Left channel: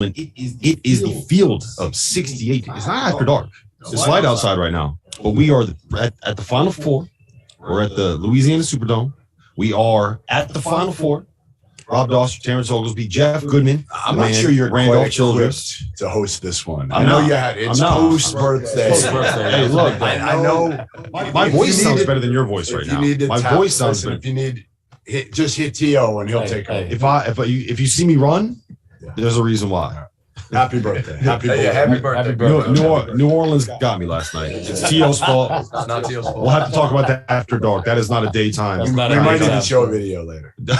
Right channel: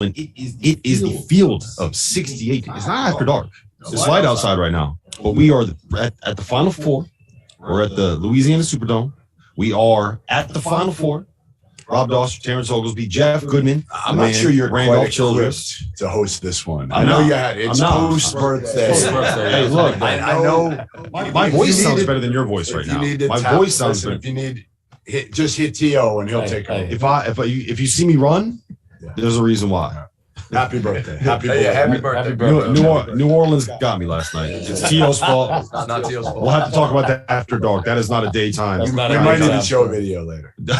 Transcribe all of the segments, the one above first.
It is the field of 68. It's not after dark. It's light outside right now, but we are at the Final Four. We're at the Louisiana Superdome. We are at the Final Four. Rob Doster, Terrence Oglesby, Jeff Goodman. I'm not sure you're Randolph Childress to host this one. I know you had it. It's post-birthday. Hey, look, I know my voice sounds better than your voice right now. My voice sounds better. If you need, just hit T.O. and he'll take over. If you see me run, there's a reason why. Happy birthday. Happy birthday. New Orleans got me last night. It's T.O.'s fault. It's not T.O.'s fault. We'll have to talk about that after dark. That is not a daytime. We might even show a video later. No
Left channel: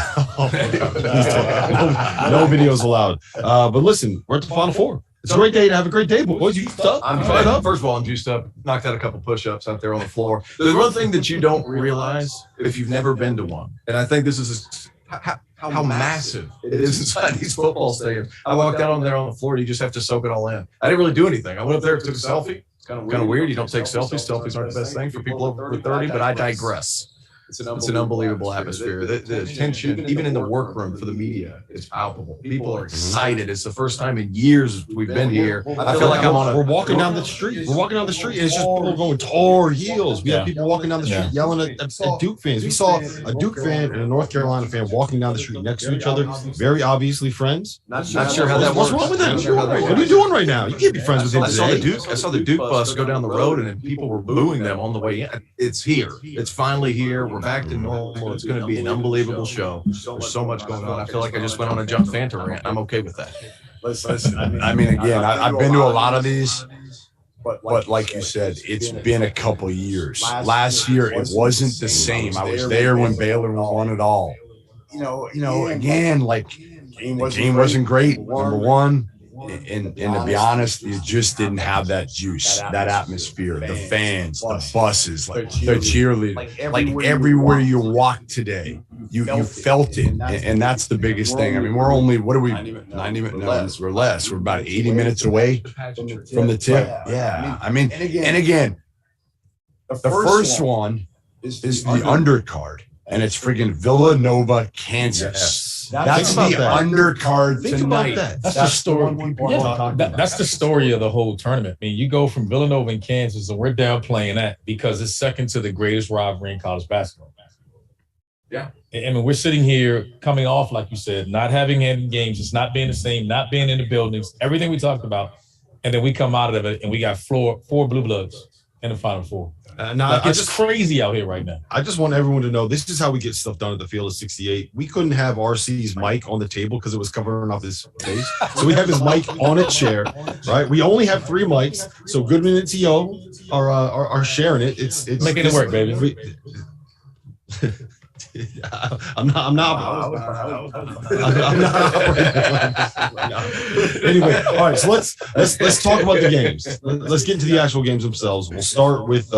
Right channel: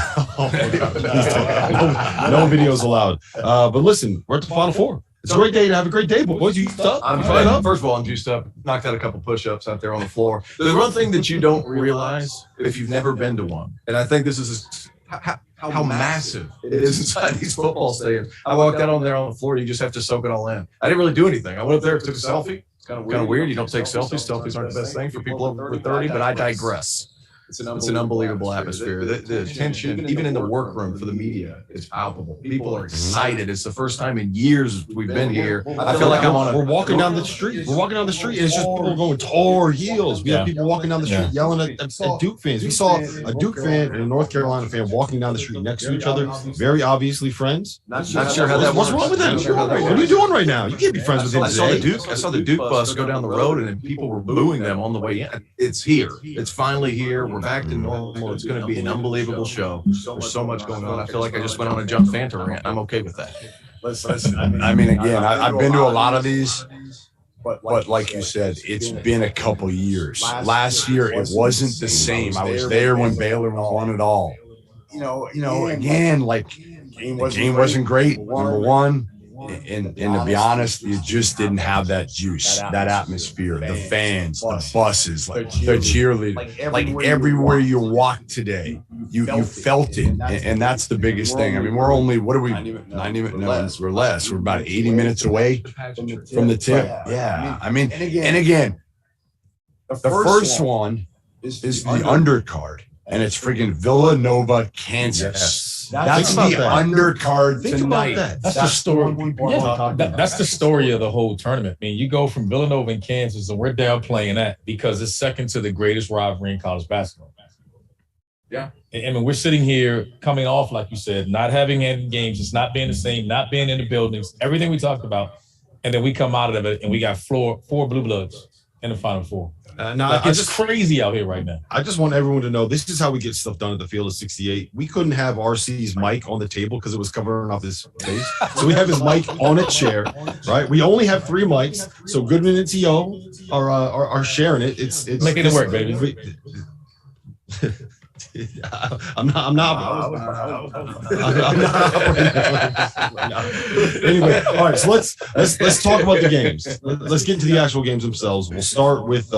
videos allowed. But listen, we're at the Final Four. It's a great day to have a great day, boys. You juiced up? I'm fired up. First of all, I'm juiced up. Knocked out a couple push-ups out there on the floor. There's one thing that you don't realize if you've never been to one, and I think this is how massive it is inside these football stadiums. I walked out on there on the floor. You just have to soak it all in. I didn't really do anything. I went up there, took a selfie. It's kind of weird. You don't take selfies. Selfies aren't the best thing for people over 30, but I digress. It's an unbelievable atmosphere. The attention, even in the workroom for the media, is palpable. People are excited. It's the first time in years we've been here. I feel like we're walking down the street. We're walking down the street, and it's just people going Tar Heels. We have people walking down the street yelling at Duke fans. We saw a Duke fan and a North Carolina fan walking down the street next to each other, very obviously friends. Not sure how that works. What's wrong with that? What are you doing right now? You can't be friends with him today. I saw the Duke bus go down the road, and people were booing them on the way in. It's here. It's finally here. We're back to normal. It's going to be an unbelievable show. There's so much going on. I feel like I just went on a Jump Fanta rant. I'm okay with that. Listen, I mean, again, I've been to a lot of these, but like you said, it's been a couple years. Last year, it wasn't the same. I was there when Baylor won it all. You know, again, like the game wasn't great. Number one. And to be honest, you just didn't have that juice, that atmosphere, the fans, the buses, like the cheerleaders, like everywhere you walk today, you felt it, and that's the biggest thing. I mean, we're only we're less. We're about 80 minutes away from the tip. Yeah, I mean, and again, the first one is the undercard, and it's freaking Villanova-Kansas. That's the undercard tonight. That's the story. That's the story of the whole tournament. I mean, you go from Villanova and Kansas, and we're downplaying that because it's second to the greatest rivalry in college basketball. Yeah. I mean, we're sitting here coming off, like you said, not having any games, it's not being the same, not being in the buildings, everything we talked about. And then we come out of it and we got four Blue Bloods in the Final Four. It's crazy out here right now. I just want everyone to know this is how we get stuff done at the field of 68. We couldn't have RC's mic on the table because it was covering off his face. So we have his mic on a chair, right? We only have 3 mics. So Goodman and T.O. are sharing it. It's making it work, baby. I'm not. Anyway, all right. So let's talk about the games. Let's get into the actual games themselves. We'll start with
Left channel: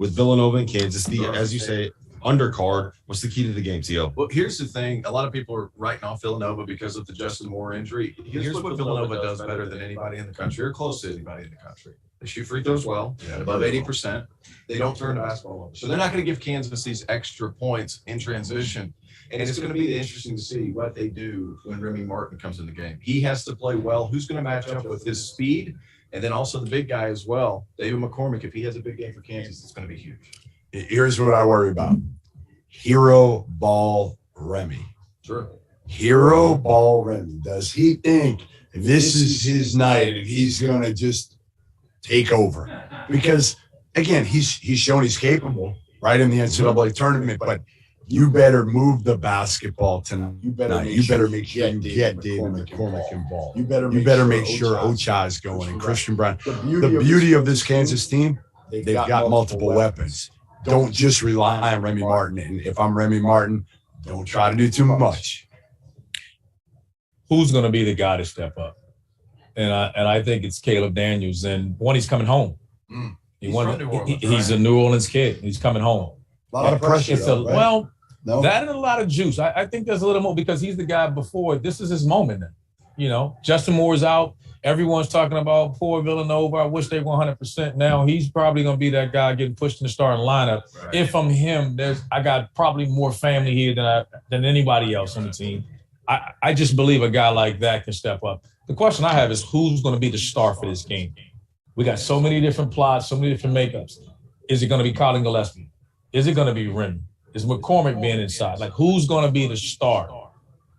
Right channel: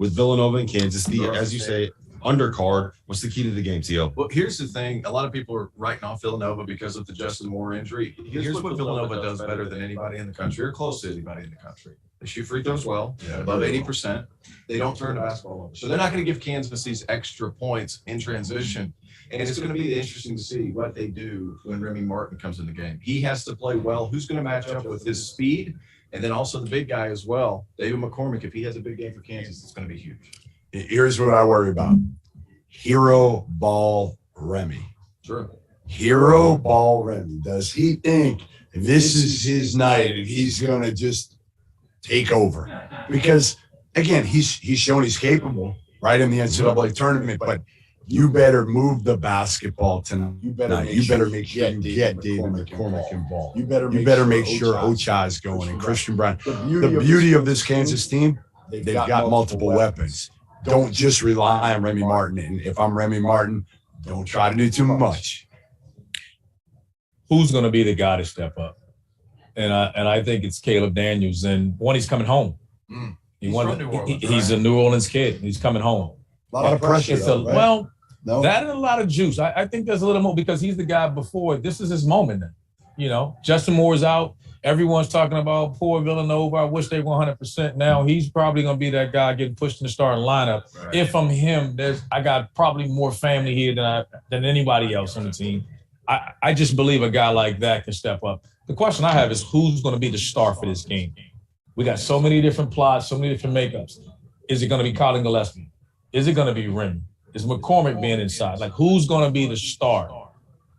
Villanova and Kansas. As you say, undercard. What's the key to the game, T.O.? Well, here's the thing. A lot of people are writing off Villanova because of the Justin Moore injury. Here's what Villanova does better than anybody in the country, or close to anybody in the country. They shoot free throws well, above 80%. They don't turn the basketball over. So they're not going to give Kansas these extra points in transition. And it's going to be interesting to see what they do when Remy Martin comes in the game. He has to play well. Who's going to match up with his speed? And then also the big guy as well, David McCormick. If he has a big game for Kansas, it's going to be huge. Here's what I worry about. Hero ball Remy. Sure. Hero ball Remy. Does he think this is his night and he's going to just take over? Because again, he's shown he's capable, right, in the NCAA tournament, but you better move the basketball tonight. You better make sure you get David McCormick involved. You better make sure Ochai is going and Christian Brown. The beauty of this Kansas team, they've got multiple weapons. Don't just rely on Remy Martin. And if I'm Remy Martin, don't try to do too much. Who's going to be the guy to step up? And I think it's Caleb Daniels. And he's coming home. He's a New Orleans kid. He's coming home. A lot of pressure. That and a lot of juice. I think there's a little more because he's the guy before. This is his moment now. You know, Justin Moore's out. Everyone's talking about poor Villanova. I wish they were 100%. Now he's probably going to be that guy getting pushed in the starting lineup. Right. If I'm him, I got probably more family here than anybody else on the team. I just believe a guy like that can step up. The question I have is who's going to be the star for this game? We got so many different plots, so many different makeups. Is it going to be Colin Gillespie? Is it going to be Remy? Is McCormick being inside? Like, who's going to be the star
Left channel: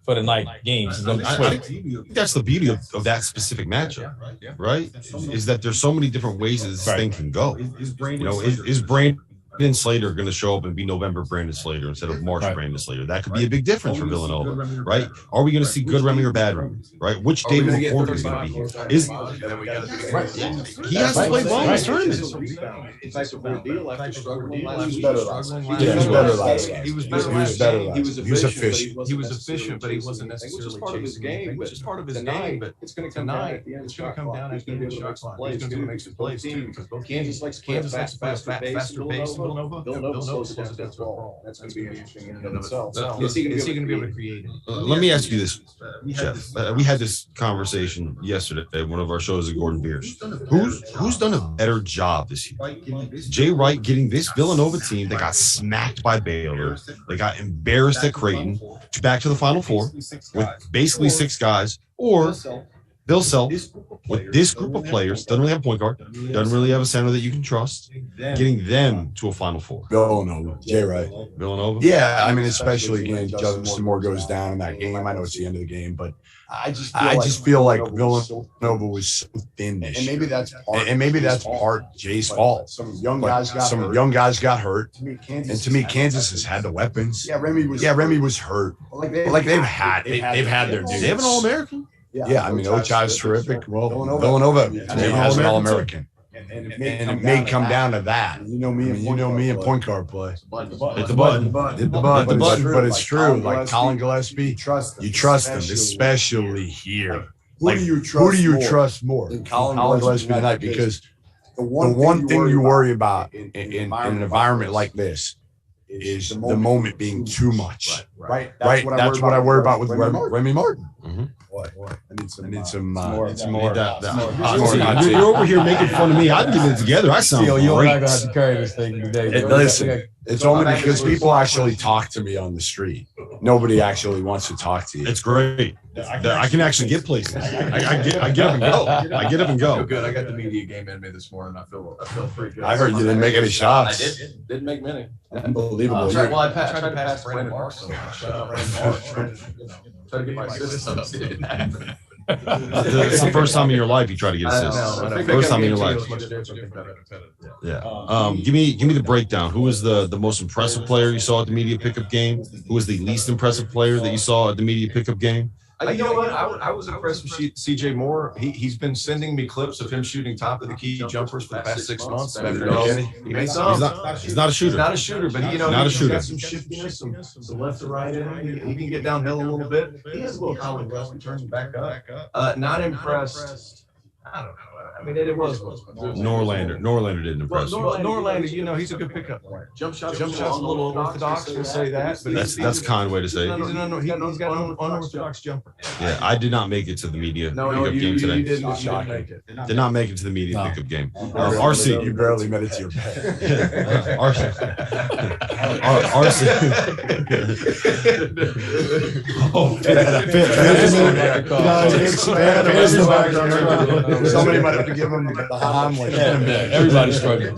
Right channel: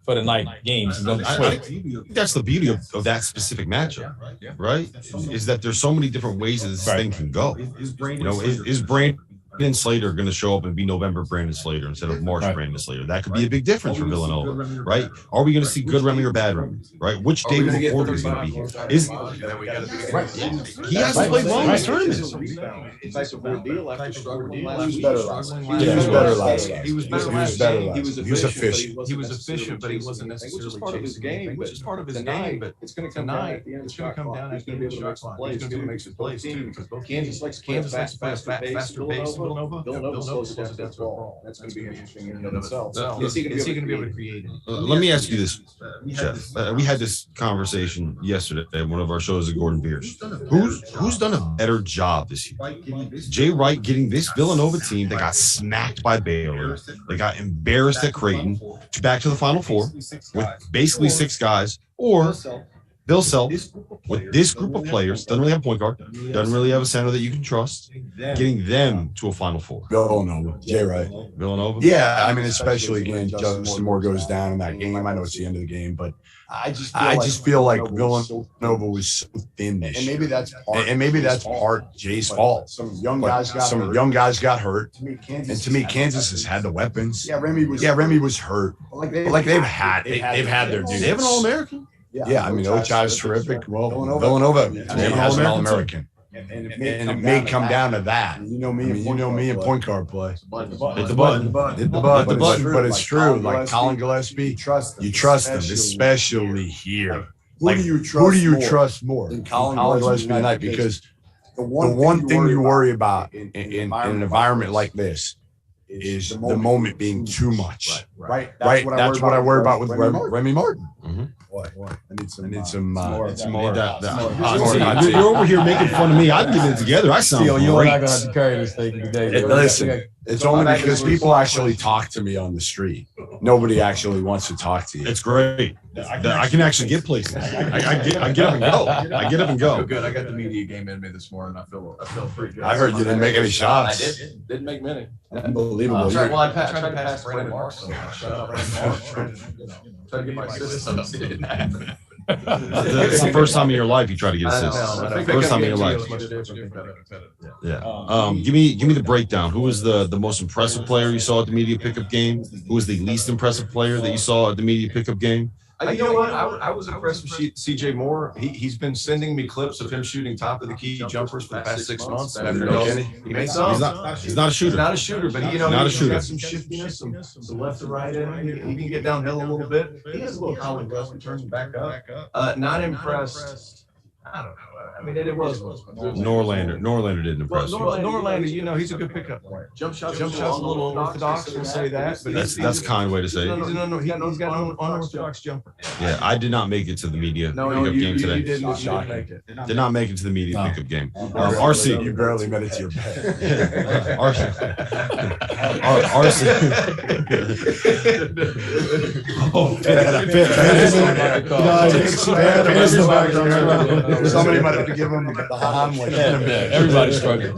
for the night games? I think that's the beauty of that specific matchup, right? Is that there's so many different ways that this thing can go. Is Brandon Slater going to show up and be November Brandon Slater instead of March Brandon Slater? That could be a big difference for Villanova, right? Are we going to see good Remy or bad Remy, right? Which David McCormick is going to be here? He hasn't played well in this tournament. He was better. He was efficient. He was efficient, but he wasn't necessarily. Which is part of his game. But it's going to come down at the end. It's going to come down at the end of the shot clock. He's going to make some plays too, because both Kansas likes faster pace. Villanova slows it down to the ball. That's going to be interesting in and of itself. Is he going to be able to create it? Let me ask you this, Jeff. We had this conversation yesterday at one of our shows at Gordon Biersch. Who's done a better job this year? Jay Wright getting this Villanova team that got smacked by Baylor. They got embarrassed at Creighton, back to the Final Four with basically 6 guys, or Bill Self with this group of players, doesn't really have a point guard, doesn't really have a center that you can trust, getting them to a Final Four. Villanova, Jay Wright. Villanova? Yeah, I mean, especially again, Justin Moore goes down in that game. I know it's the end of the game, but I just feel like Villanova was so thin this year. And maybe that's part Jay's fault. Some young guys got hurt. And to me, Kansas has had the weapons. Yeah, Remy was hurt. But they've had their dudes. They have an All-American. Yeah, I mean, Ochai is terrific. Well, Villanova has an All-American. And it may come down to that. You know me and point guard play. Hit the button. But it's true. Like Colin Gillespie, you trust them, especially here. Who do you trust more? Colin Gillespie tonight, because the one thing you worry about in an environment like this is the moment being too much. Right. That's what I worry about with Remy Martin. Mm-hmm. What? I need some more. You're over here making fun of me. I'm getting it together. I sound great. You're not going to have to carry this thing today. Listen, it's only because people actually talk to me on the street. Nobody actually wants to talk to you. It's great. I can actually get places. I get up and go. I get up and go. Good. I got the media game in me this morning. I feel pretty good. I heard you didn't make any shots. I didn't make many. Unbelievable. I tried to pass Brandon Marshall. Try to get my system. It didn't happen. It's the first time in your life you try to get assists. First time in your life. Yeah. Give me the breakdown. Who was the most impressive player you saw at the media pickup game? Who was the least impressive player that you saw at the media pickup game? You know what? I was impressed with CJ Moore. He's been sending me clips of him shooting top of the key jumpers for the past 6 months. He made some. He's not a shooter. He's not a shooter, but he's got some shiftiness, some left to right in him. He can get downhill a little bit. He has a little Colin Gillespie, turns him back up. Not impressed. I don't know. I mean, it was. Norlander didn't impress. Norlander, he's a good pickup player. Jump shots a little unorthodox. We'll say that. But that's a kind way to say it. He's got an unorthodox jumper. Yeah, I did not make it to the media pickup game today. You didn't make it. Did not make it to the media pickup game. RC, you barely made it to your bed. RC. Somebody might have to give him the Hamlet. Everybody's struggling.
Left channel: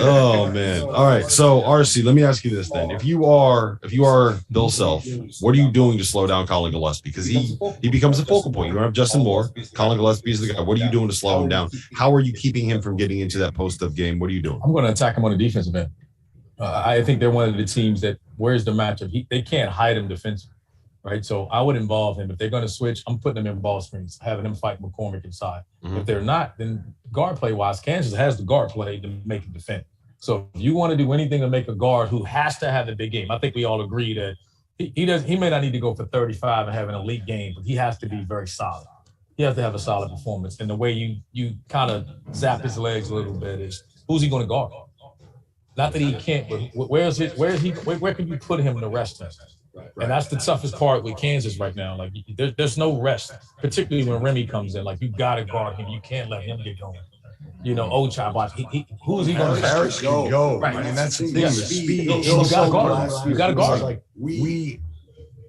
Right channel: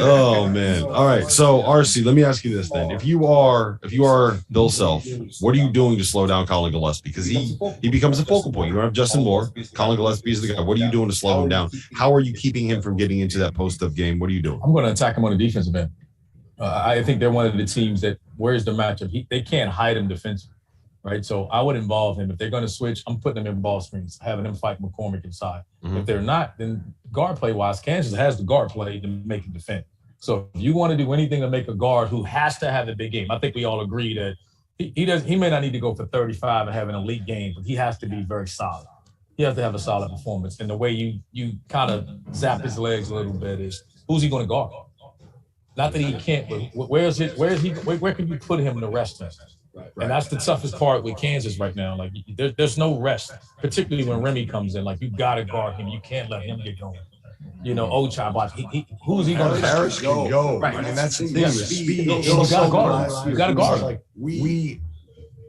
Oh man! All right, so RC, let me ask you this then: if you are Bill Self, what are you doing to slow down Colin Gillespie? Because he becomes a focal point. You don't have Justin Moore. Colin Gillespie is the guy. What are you doing to slow him down? How are you keeping him from getting into that post-up game? What are you doing? I'm going to attack him on the defensive end. I think they're one of the teams that where's the matchup? They can't hide him defensively. Right, so I would involve him. If they're going to switch, I'm putting them in ball screens, having them fight McCormick inside. Mm-hmm. If they're not, then guard play-wise, Kansas has the guard play to make him defend. So if you want to do anything to make a guard who has to have a big game, I think we all agree that he may not need to go for 35 and have an elite game, but he has to be very solid. He has to have a solid performance. And the way you kind of zap his legs a little bit is, who's he going to guard? Not that he can't, but where can you put him to rest him? Right. And that's the toughest part with Kansas right now. Like, there's no rest, particularly when Remy comes in. Like, you got to guard him. You can't let him get going. You know, Ochai, who's he going to Harris can go. Right. I mean, that's the thing. Speed. You got to guard him. You got to guard him. Like, we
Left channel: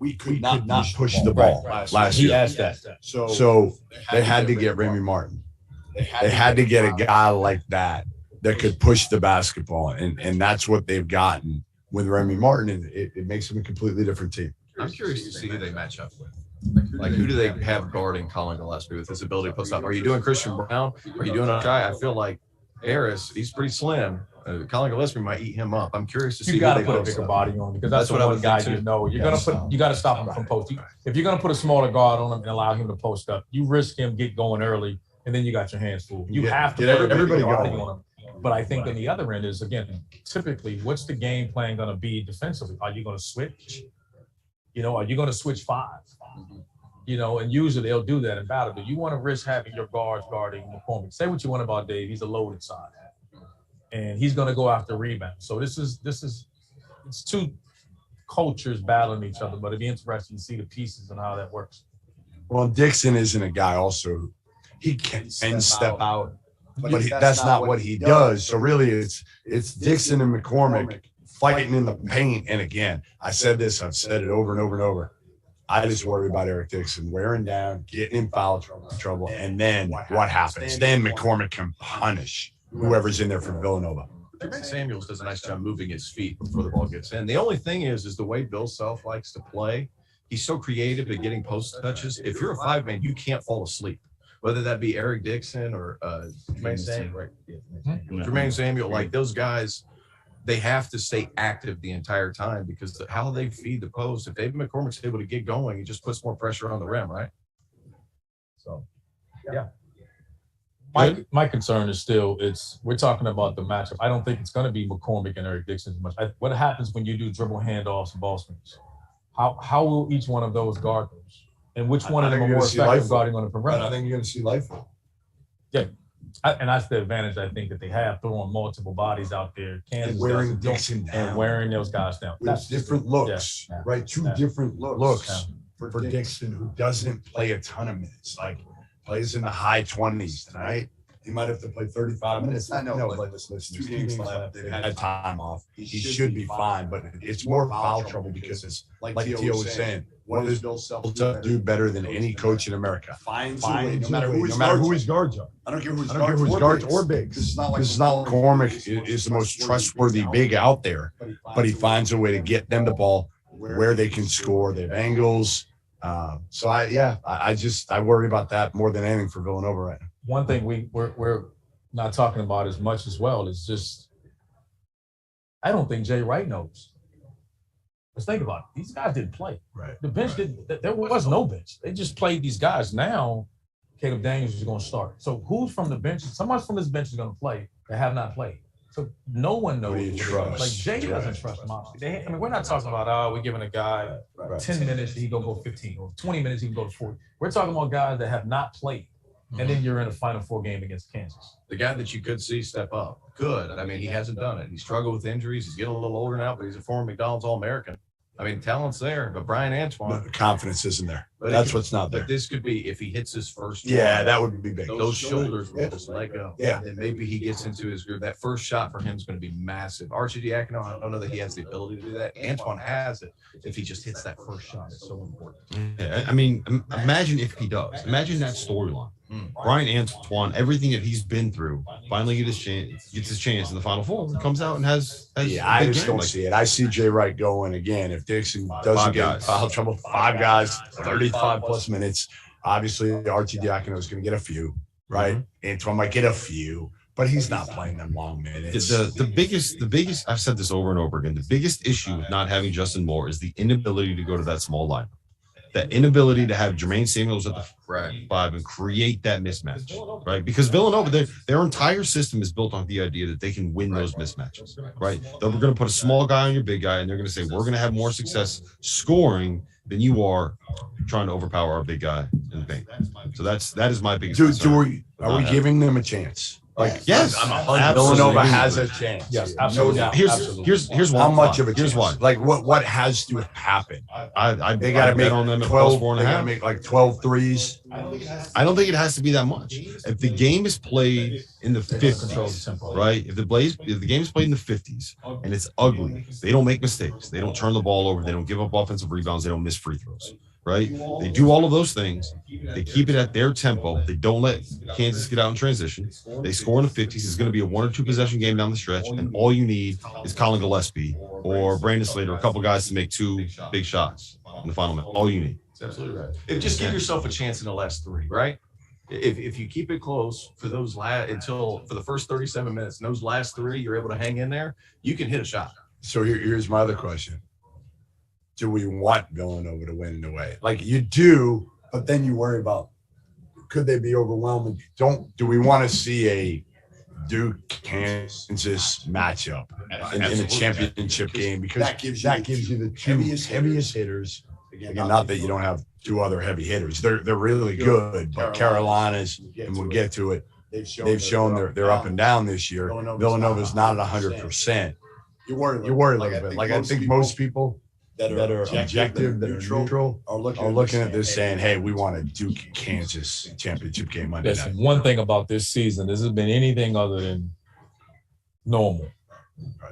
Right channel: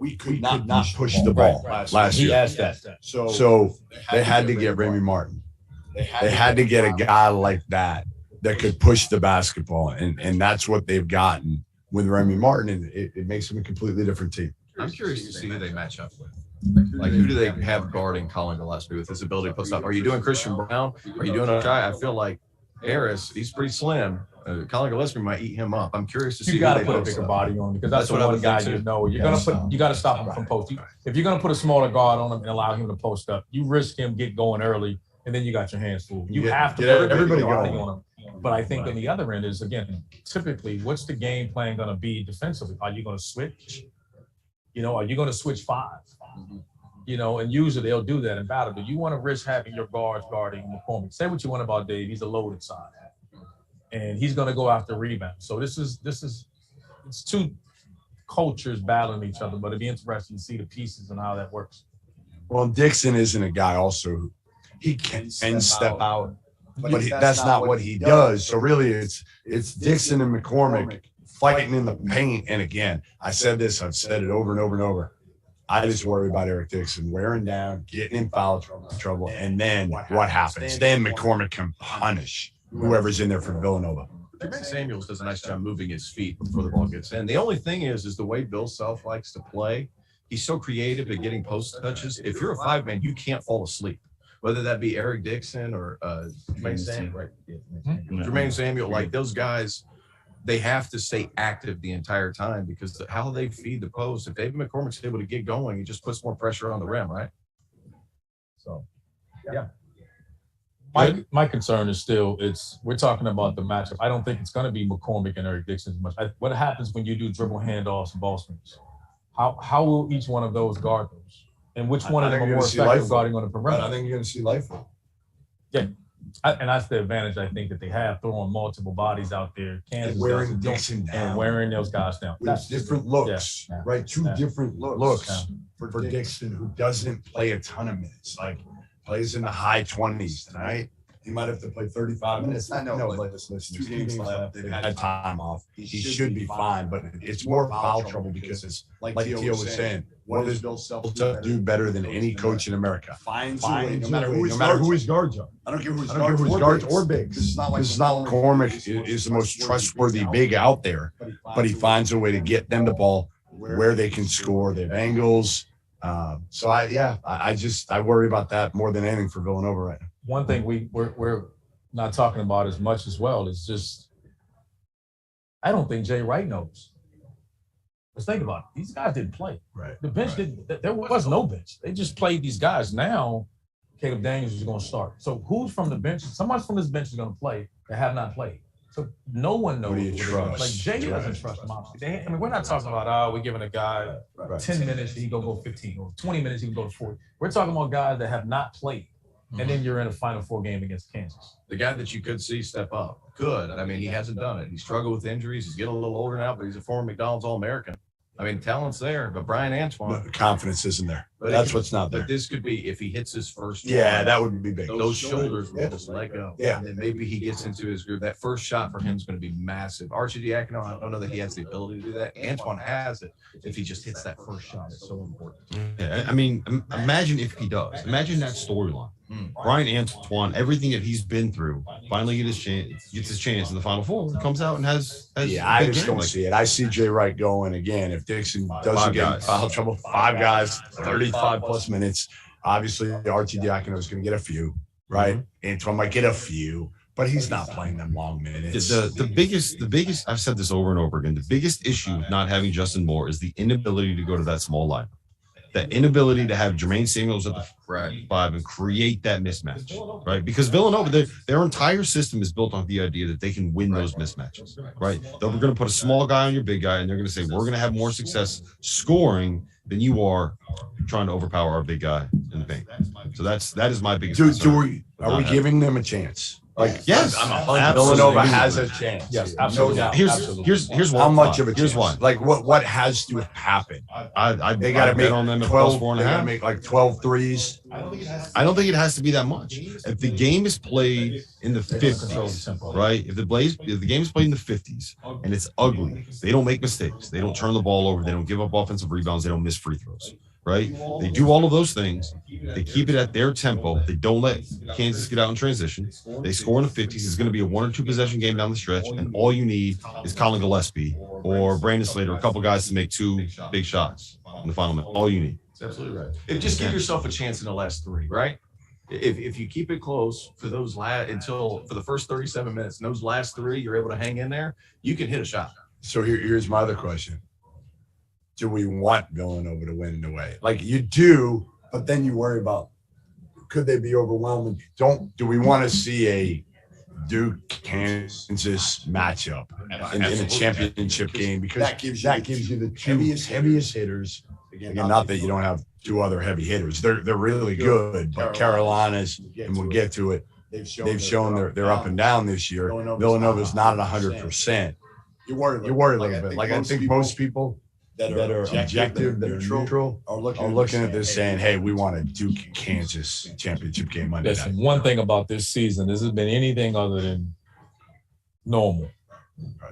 we could not push the ball last He year. asked that. So they had to get Remy Martin. They had to get a guy like that could push the basketball, and that's what they've gotten with Remy Martin, and it makes them a completely different team. I'm curious to see who they match up with. Like, who do they have guarding Colin Gillespie with his ability to post up? Are you doing Christian Brown? Are you doing a guy? I feel like Harris, he's pretty slim. Colin Gillespie might eat him up. I'm curious to see. You got to put a bigger body on because that's the one guy you know. You got to stop him from posting. If you're gonna put a smaller guard on him and allow him to post up, you risk him get going early, and then you got your hands full. You have to put everybody on him. But I think on the other end is, again, typically, what's the game plan going to be defensively? Are you going to switch? Are you going to switch 5? And usually they'll do that in battle. Do you want to risk having your guards guarding McCormick? Say what you want about Dave. He's a loaded side. And he's going to go after rebounds. So it's two cultures battling each other, but it'd be interesting to see the pieces and how that works. Well, Dixon isn't a guy also. He can step out. But that's not what he does. So really, it's Dixon and McCormick fighting in the paint. And again, I've said it over and over and over. I just worry about Eric Dixon wearing down, getting in foul trouble, and then what happens? Then McCormick can punish whoever's in there for Villanova. Jermaine Samuels does a nice job moving his feet before the ball gets in. The only thing is the way Bill Self likes to play. He's so creative at getting post touches. If you're a 5-man, you can't fall asleep. Whether that be Eric Dixon or Jermaine Samuel, right? Yeah, Jermaine Samuel, like those guys, they have to stay active the entire time because how they feed the post. If David McCormick's able to get going, he just puts more pressure on the rim, right? So, yeah. My concern is still we're talking about the matchup. I don't think it's going to be McCormick and Eric Dixon as much. What happens when you do dribble handoffs and ball screens? How will each one of those guard those? And which one of them are more effective guarding on the perimeter? I think you're going to see Lightfoot. Yeah. And that's the advantage I think that they have, throwing multiple bodies out there. Kansas and wearing Dixon down. And wearing those guys down. With different looks, right? Two different looks for Dixon, who doesn't play a ton of minutes, like plays in the high 20s tonight. He might have to play 35 minutes. I know, but listen, 2 games left. They've had time off. He should be fine, but it's more foul trouble because it's like Theo was saying. What does Bill Self do better than any coach in America? Finds a way, no matter who his guards are. I don't care who his guards or bigs. This is not McCormick is the most trustworthy big out there, but he finds a way to get them the ball where they can score. They have angles. So I worry about that more than anything for Villanova right now. One thing we're not talking about as much as well is just I don't think Jay Wright knows. Let's think about it. These guys didn't play. Right. The bench didn't. There was no bench. They just played these guys. Now, Caleb Daniels is going to start. So who's from the bench? Someone from this bench is going to play that have not played. So no one knows. Who do you trust? Like Jay doesn't trust them. Obviously, we're not talking about we're giving a guy 10 minutes and he go 15 or 20 minutes he can go to 40. We're talking about guys that have not played. And then you're in a Final Four game against Kansas. The guy that you could see step up. Could. I mean, he hasn't done it. He struggled with injuries. He's getting a little older now, but he's a former McDonald's All-American. I mean, talent's there, but Brian Antoine. The confidence isn't there. That's what's not there. But this could be, if he hits his first one, that would be big. Those shoulders will just let go. Yeah. And then maybe he gets into his groove. That first shot for him is going to be massive. Arcidiacono, I don't know that he has the ability to do that. Antoine has it. If he just hits that first shot, it's so important. Yeah, I mean, imagine if he does. Imagine that storyline. Brian Antoine, everything that he's been through, finally gets his chance in the Final Four, comes out and has I just don't see it. I see Jay Wright going again. If Dixon doesn't get foul trouble, 5 guys, 35 plus minutes. Obviously, Arcidiacono is going to get a few, right? Antoine might get a few, but he's not playing them long minutes. The biggest, I've said this over and over again, the biggest issue with not having Justin Moore is the inability to go to that small lineup. That inability to have Jermaine Samuels at the 5 and create that mismatch, right? Because Villanova, their entire system is built on the idea that they can win those mismatches, right? They're going to put a small guy on your big guy, and they're going to say, we're going to have more success scoring than you are trying to overpower our big guy in the paint. So that is my biggest concern. Are we giving them a chance? Like, yes, Villanova has a chance. Yes, absolutely. No doubt. Here's how much of a chance? Here's why. Like what has to happen? They got to make on them 12. They got to make like 12 threes. I don't think it has to be that much. If the game is played in the 50s, right? If the game is played in the 50s and it's ugly, they don't make mistakes. They don't turn the ball over. They don't give up offensive rebounds. They don't miss free throws, right? They do all of those things. They keep it at their tempo. They don't let Kansas get out in transition. They score in the 50s. It's going to be a 1 or 2 possession game down the stretch, and all you need is Colin Gillespie or Brandon Slater, a couple guys to make 2 big shots in the final minute. All you need. That's absolutely right. Just give yourself a chance in the last 3, right? If you keep it close for those for the first 37 minutes, and those last 3, you're able to hang in there, you can hit a shot. So here's my other question. Do we want Villanova to win in a way? Like you do, but then you worry about could they be overwhelming? Do we want to see a Duke-Kansas matchup in a championship game? Because that gives you the 2 heaviest hitters. Again, not that you don't have 2 other heavy hitters. They're really good, but Carolina's, and we'll get to it, they've shown they're up and down this year. Villanova's not at 100%. You worry a little bit. Like I think most people that are objective, that are neutral, are looking at this saying, hey, we want a Duke-Kansas championship game Monday night. Listen, one thing about this season, this has been anything other than normal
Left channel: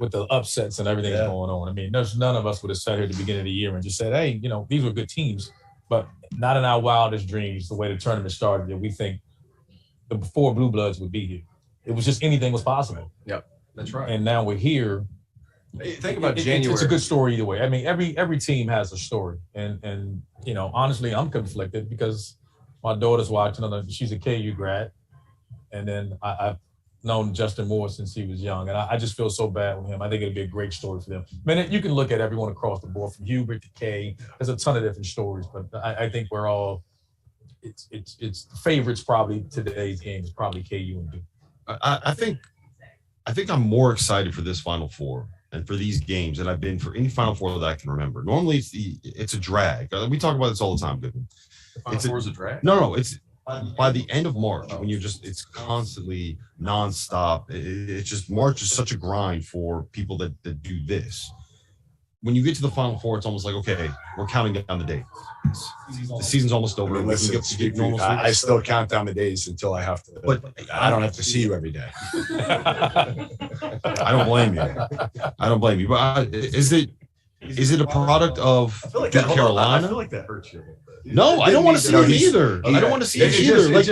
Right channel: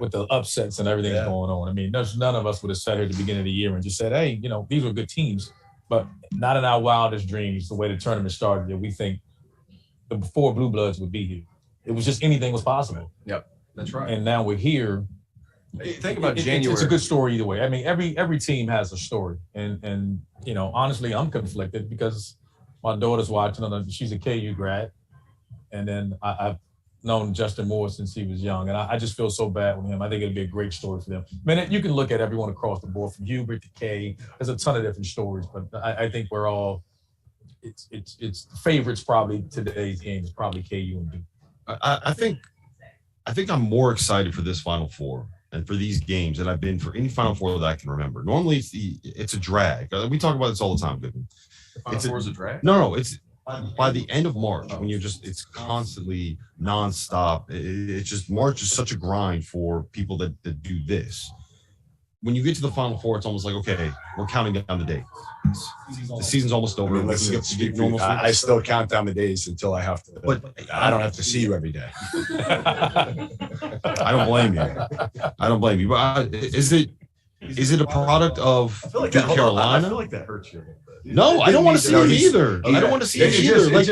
with the upsets and everything that's going on. I mean, none of us would have sat here at the beginning of the year and just said, hey, these were good teams, but not in our wildest dreams, the way the tournament started, that we think the 4 Blue Bloods would be here. It was just anything was possible. Yep, that's right. And now we're here. Think about January. It's a good story either way. I mean, every team has a story, and honestly, I'm conflicted because my daughter's watching. She's a KU grad, and then I've known Justin Moore since he was young, and I just feel so bad with him. I think it'd be a great story for them. I mean, you can look at everyone across the board, from Hubert to Kay. There's a ton of different stories, but I think we're all. It's favorites probably today's game is probably KU and Duke. I think I'm more excited for this Final Four and for these games than I've been for any Final Four that I can remember. Normally, it's a drag. We talk about this all the time, Goodman. The Final Four is a drag? No, it's by the end of March when it's constantly nonstop. It's just March is such a grind for people that do this. When you get to the Final Four, it's almost like, okay, we're counting down the days. The season's almost over. I still count down the days until I have to. But I don't have to see you every day. I don't blame you. But is it a product of Carolina? I feel like that hurts you. No, I don't want to see it either. I don't want to see it either. What's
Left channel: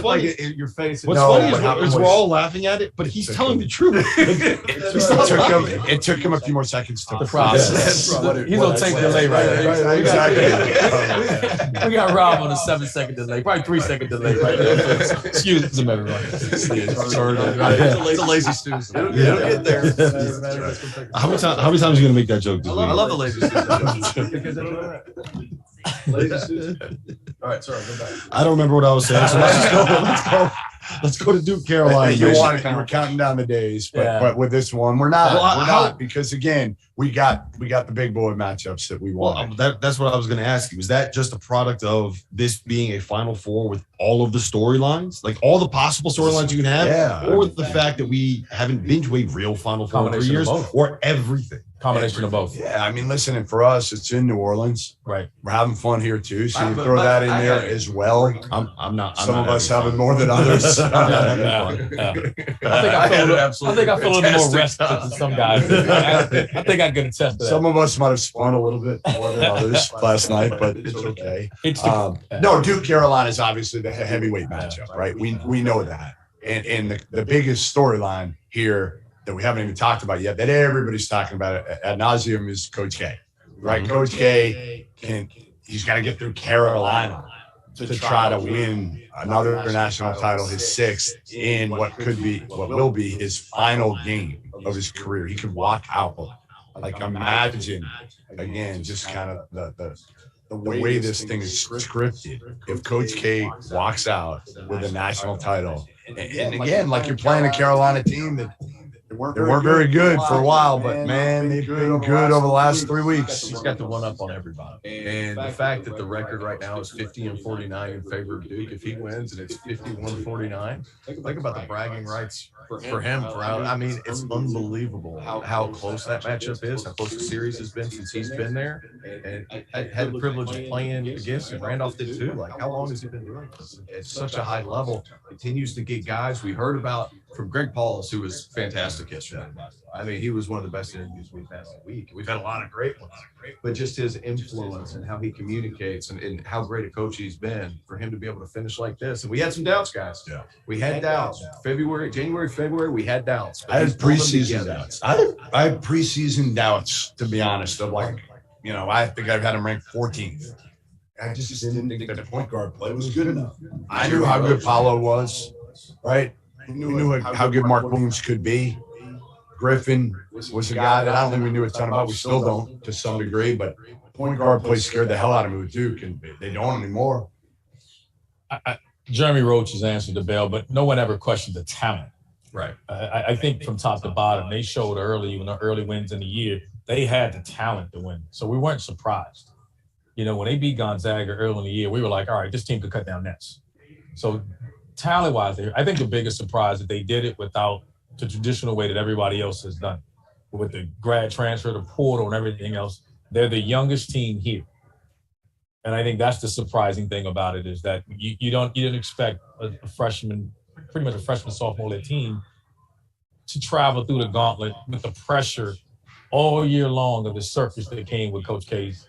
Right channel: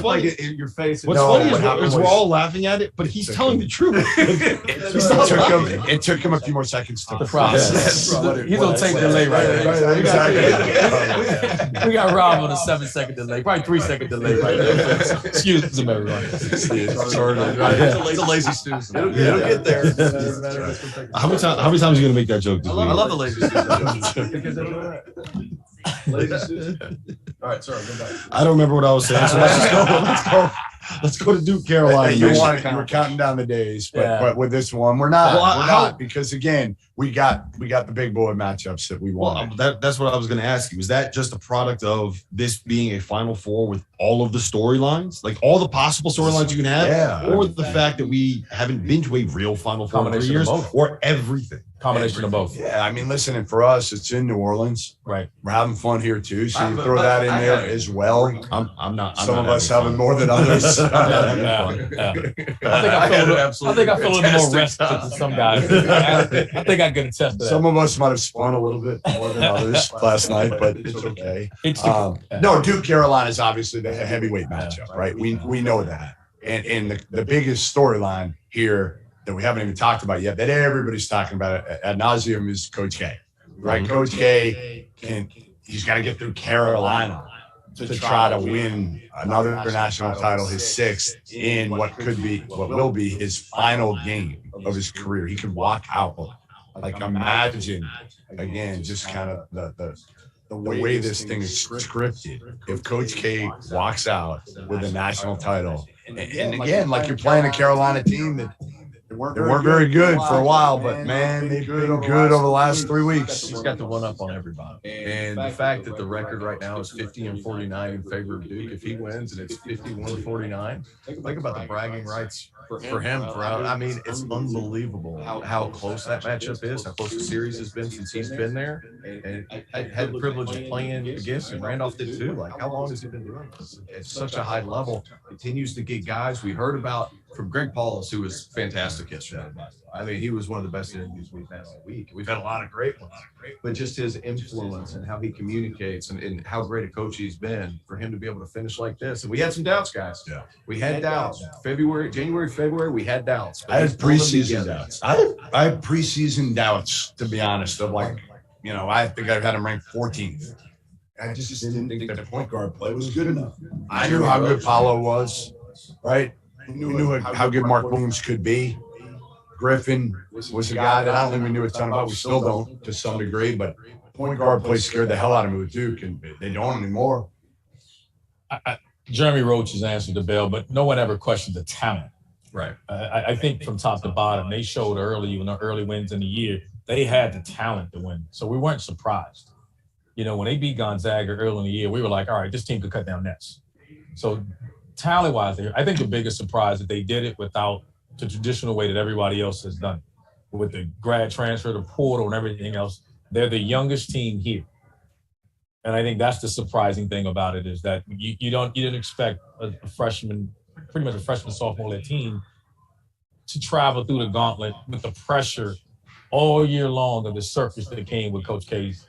funny? Your face. What's funny is we're all laughing at it, but he's telling the truth. It took him a few more seconds to process. He's on tape delay right there. Exactly. We got Rob on a 7-second delay, probably 3-second delay right there. Excuse him, everyone. It's a lazy Susan. It'll get there. How many times are you going to make that joke this week? I love the lazy Susan. Lazy Susan. All right, sorry, go back. I don't remember what I was saying. So let's go to Duke, Carolina. You were counting down the days, but with this one, we're not because again, we got the big boy matchups that we want. That's what I was going to ask you. Is that just a product of this being a Final Four with all of the storylines, like all the possible storylines you can have, or the fact that we haven't been to a real Final Four in 3 years, or everything? Combination of both. Yeah, I mean, listen, and for us, it's in New Orleans. Right. We're having fun here too, so you throw that in there as well. I'm not. Some of us having more than others. I think I feel a little more rested than some guys. I think I can attest to that. Some of us might have spun a little bit more than others last night, but it's okay. No, Duke Carolina is obviously the heavyweight matchup, right? We know that, and the biggest storyline here that we haven't even talked about yet, that everybody's talking about ad nauseum, is Coach K, right? Mm-hmm. Coach K he's got to get through Carolina to try to win another national title, his 6th, in what will be his final game of his career. He could walk out. Like, imagine again, just kind of the way this thing is scripted. If Coach K walks out with a national title, and again, like, you're playing a Carolina team that they weren't very good for a while, but man, they've been good over the last 3 weeks. He's got the one up on everybody. And the fact that the record right now is 50-49 in favor of Duke, if he wins and it's 51-49, think about the bragging rights for him. I mean, it's unbelievable how close that matchup is, how close the series has been since he's been there. And I had the privilege of playing against him. Randolph did too. Like, how long has he been doing this? At such a high level, continues to get guys. We heard about from Greg Paulus, who was fantastic yesterday. I mean, he was one of the best interviews we've had all week. We've had a lot of great ones, but just his influence and how he communicates and how great a coach he's been for him to be able to finish like this. And we had some doubts, guys. Yeah, we had doubts. January, February, we had doubts. I had preseason doubts. I had preseason doubts, to be honest, of like, you know, I think I've had him ranked 14th. I just didn't think that the point guard play was good enough. I knew how good Paolo was, right? We knew how good Mark Williams could be. Griffin was a guy that I don't think we knew a ton about. We still don't to some degree, but point guard play scared the hell out of me with Duke, and they don't anymore. Jeremy Roach has answered the bell, but no one ever questioned the talent. Right. I think from top to bottom, they showed early, when the early wins in the year, they had the talent to win. So we weren't surprised. You know, when they beat Gonzaga early in the year, we were like, all right, this team could cut down nets. So talent-wise, I think the biggest surprise that they did it without the traditional way that everybody else has done it. With the grad transfer, the portal, and everything else, they're the youngest team here. And I think that's the surprising thing about it, is that you didn't expect a freshman, pretty much a freshman, sophomore team to travel through the gauntlet with the pressure all year long of the circus that came with Coach K's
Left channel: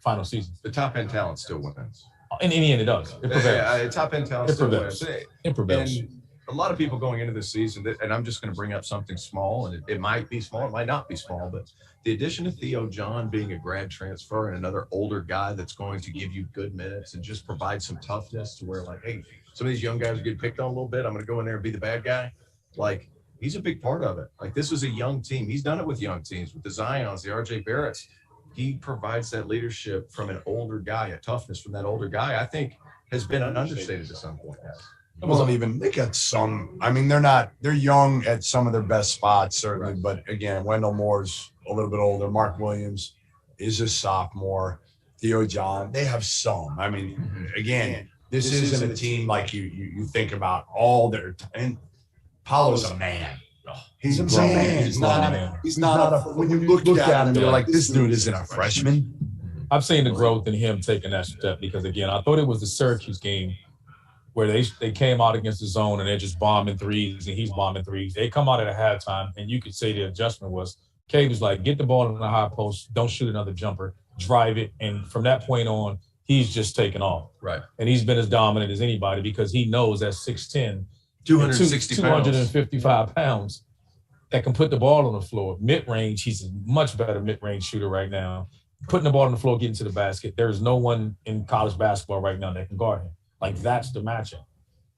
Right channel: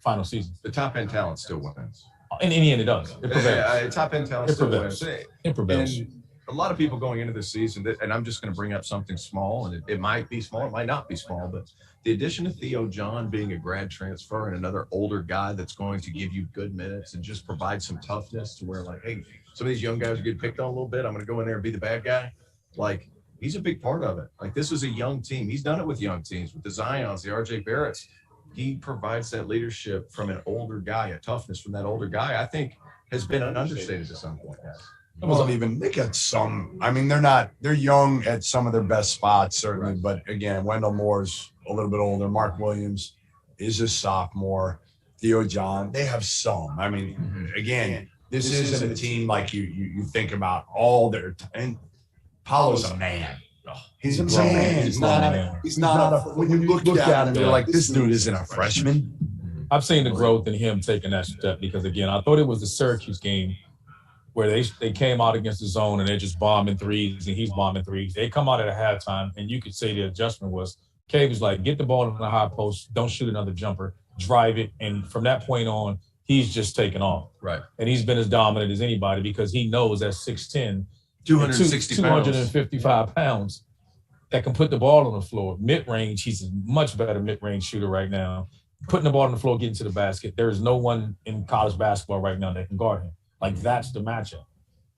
final season. The top end talent still wins. In the end, it does. It prevails. Top end talent still wins. It prevails. And a lot of people going into this season, and I'm just going to bring up something small, and it might be small, it might not be small, but the addition of Theo John being a grad transfer and another older guy that's going to give you good minutes and just provide some toughness to where, like, hey, some of these young guys are getting picked on a little bit. I'm going to go in there and be the bad guy. Like, he's a big part of it. Like, this was a young team. He's done it with young teams, with the Zions, the RJ Barretts. He provides that leadership from an older guy, a toughness from that older guy, I think has been understated to some point. Well, even they got some. I mean, they're young at some of their best spots, certainly. Right. But again, Wendell Moore's a little bit older. Mark Williams is a sophomore. Theo John, they have some. I mean, again, this isn't a team like you think about all their. And Paolo's a man. He's a man. He's not a. When you look at him, you're like, this dude isn't a freshman. I've seen the growth in him taking that step because, again, I thought it was the Syracuse game where they came out against the zone and they're just bombing threes and he's bombing threes. They come out at a halftime and you could say the adjustment was, Cade was like, get the ball in the high post, don't shoot another jumper, drive it. And from that point on, he's just taken off. Right. And he's been as dominant as anybody because he knows at 6'10", 255 pounds that can put the ball on the floor. Mid-range, he's a much better mid-range shooter right now. Putting the ball on the floor, getting to the basket. There is no one in college basketball right now that can guard him. Like, that's the matchup.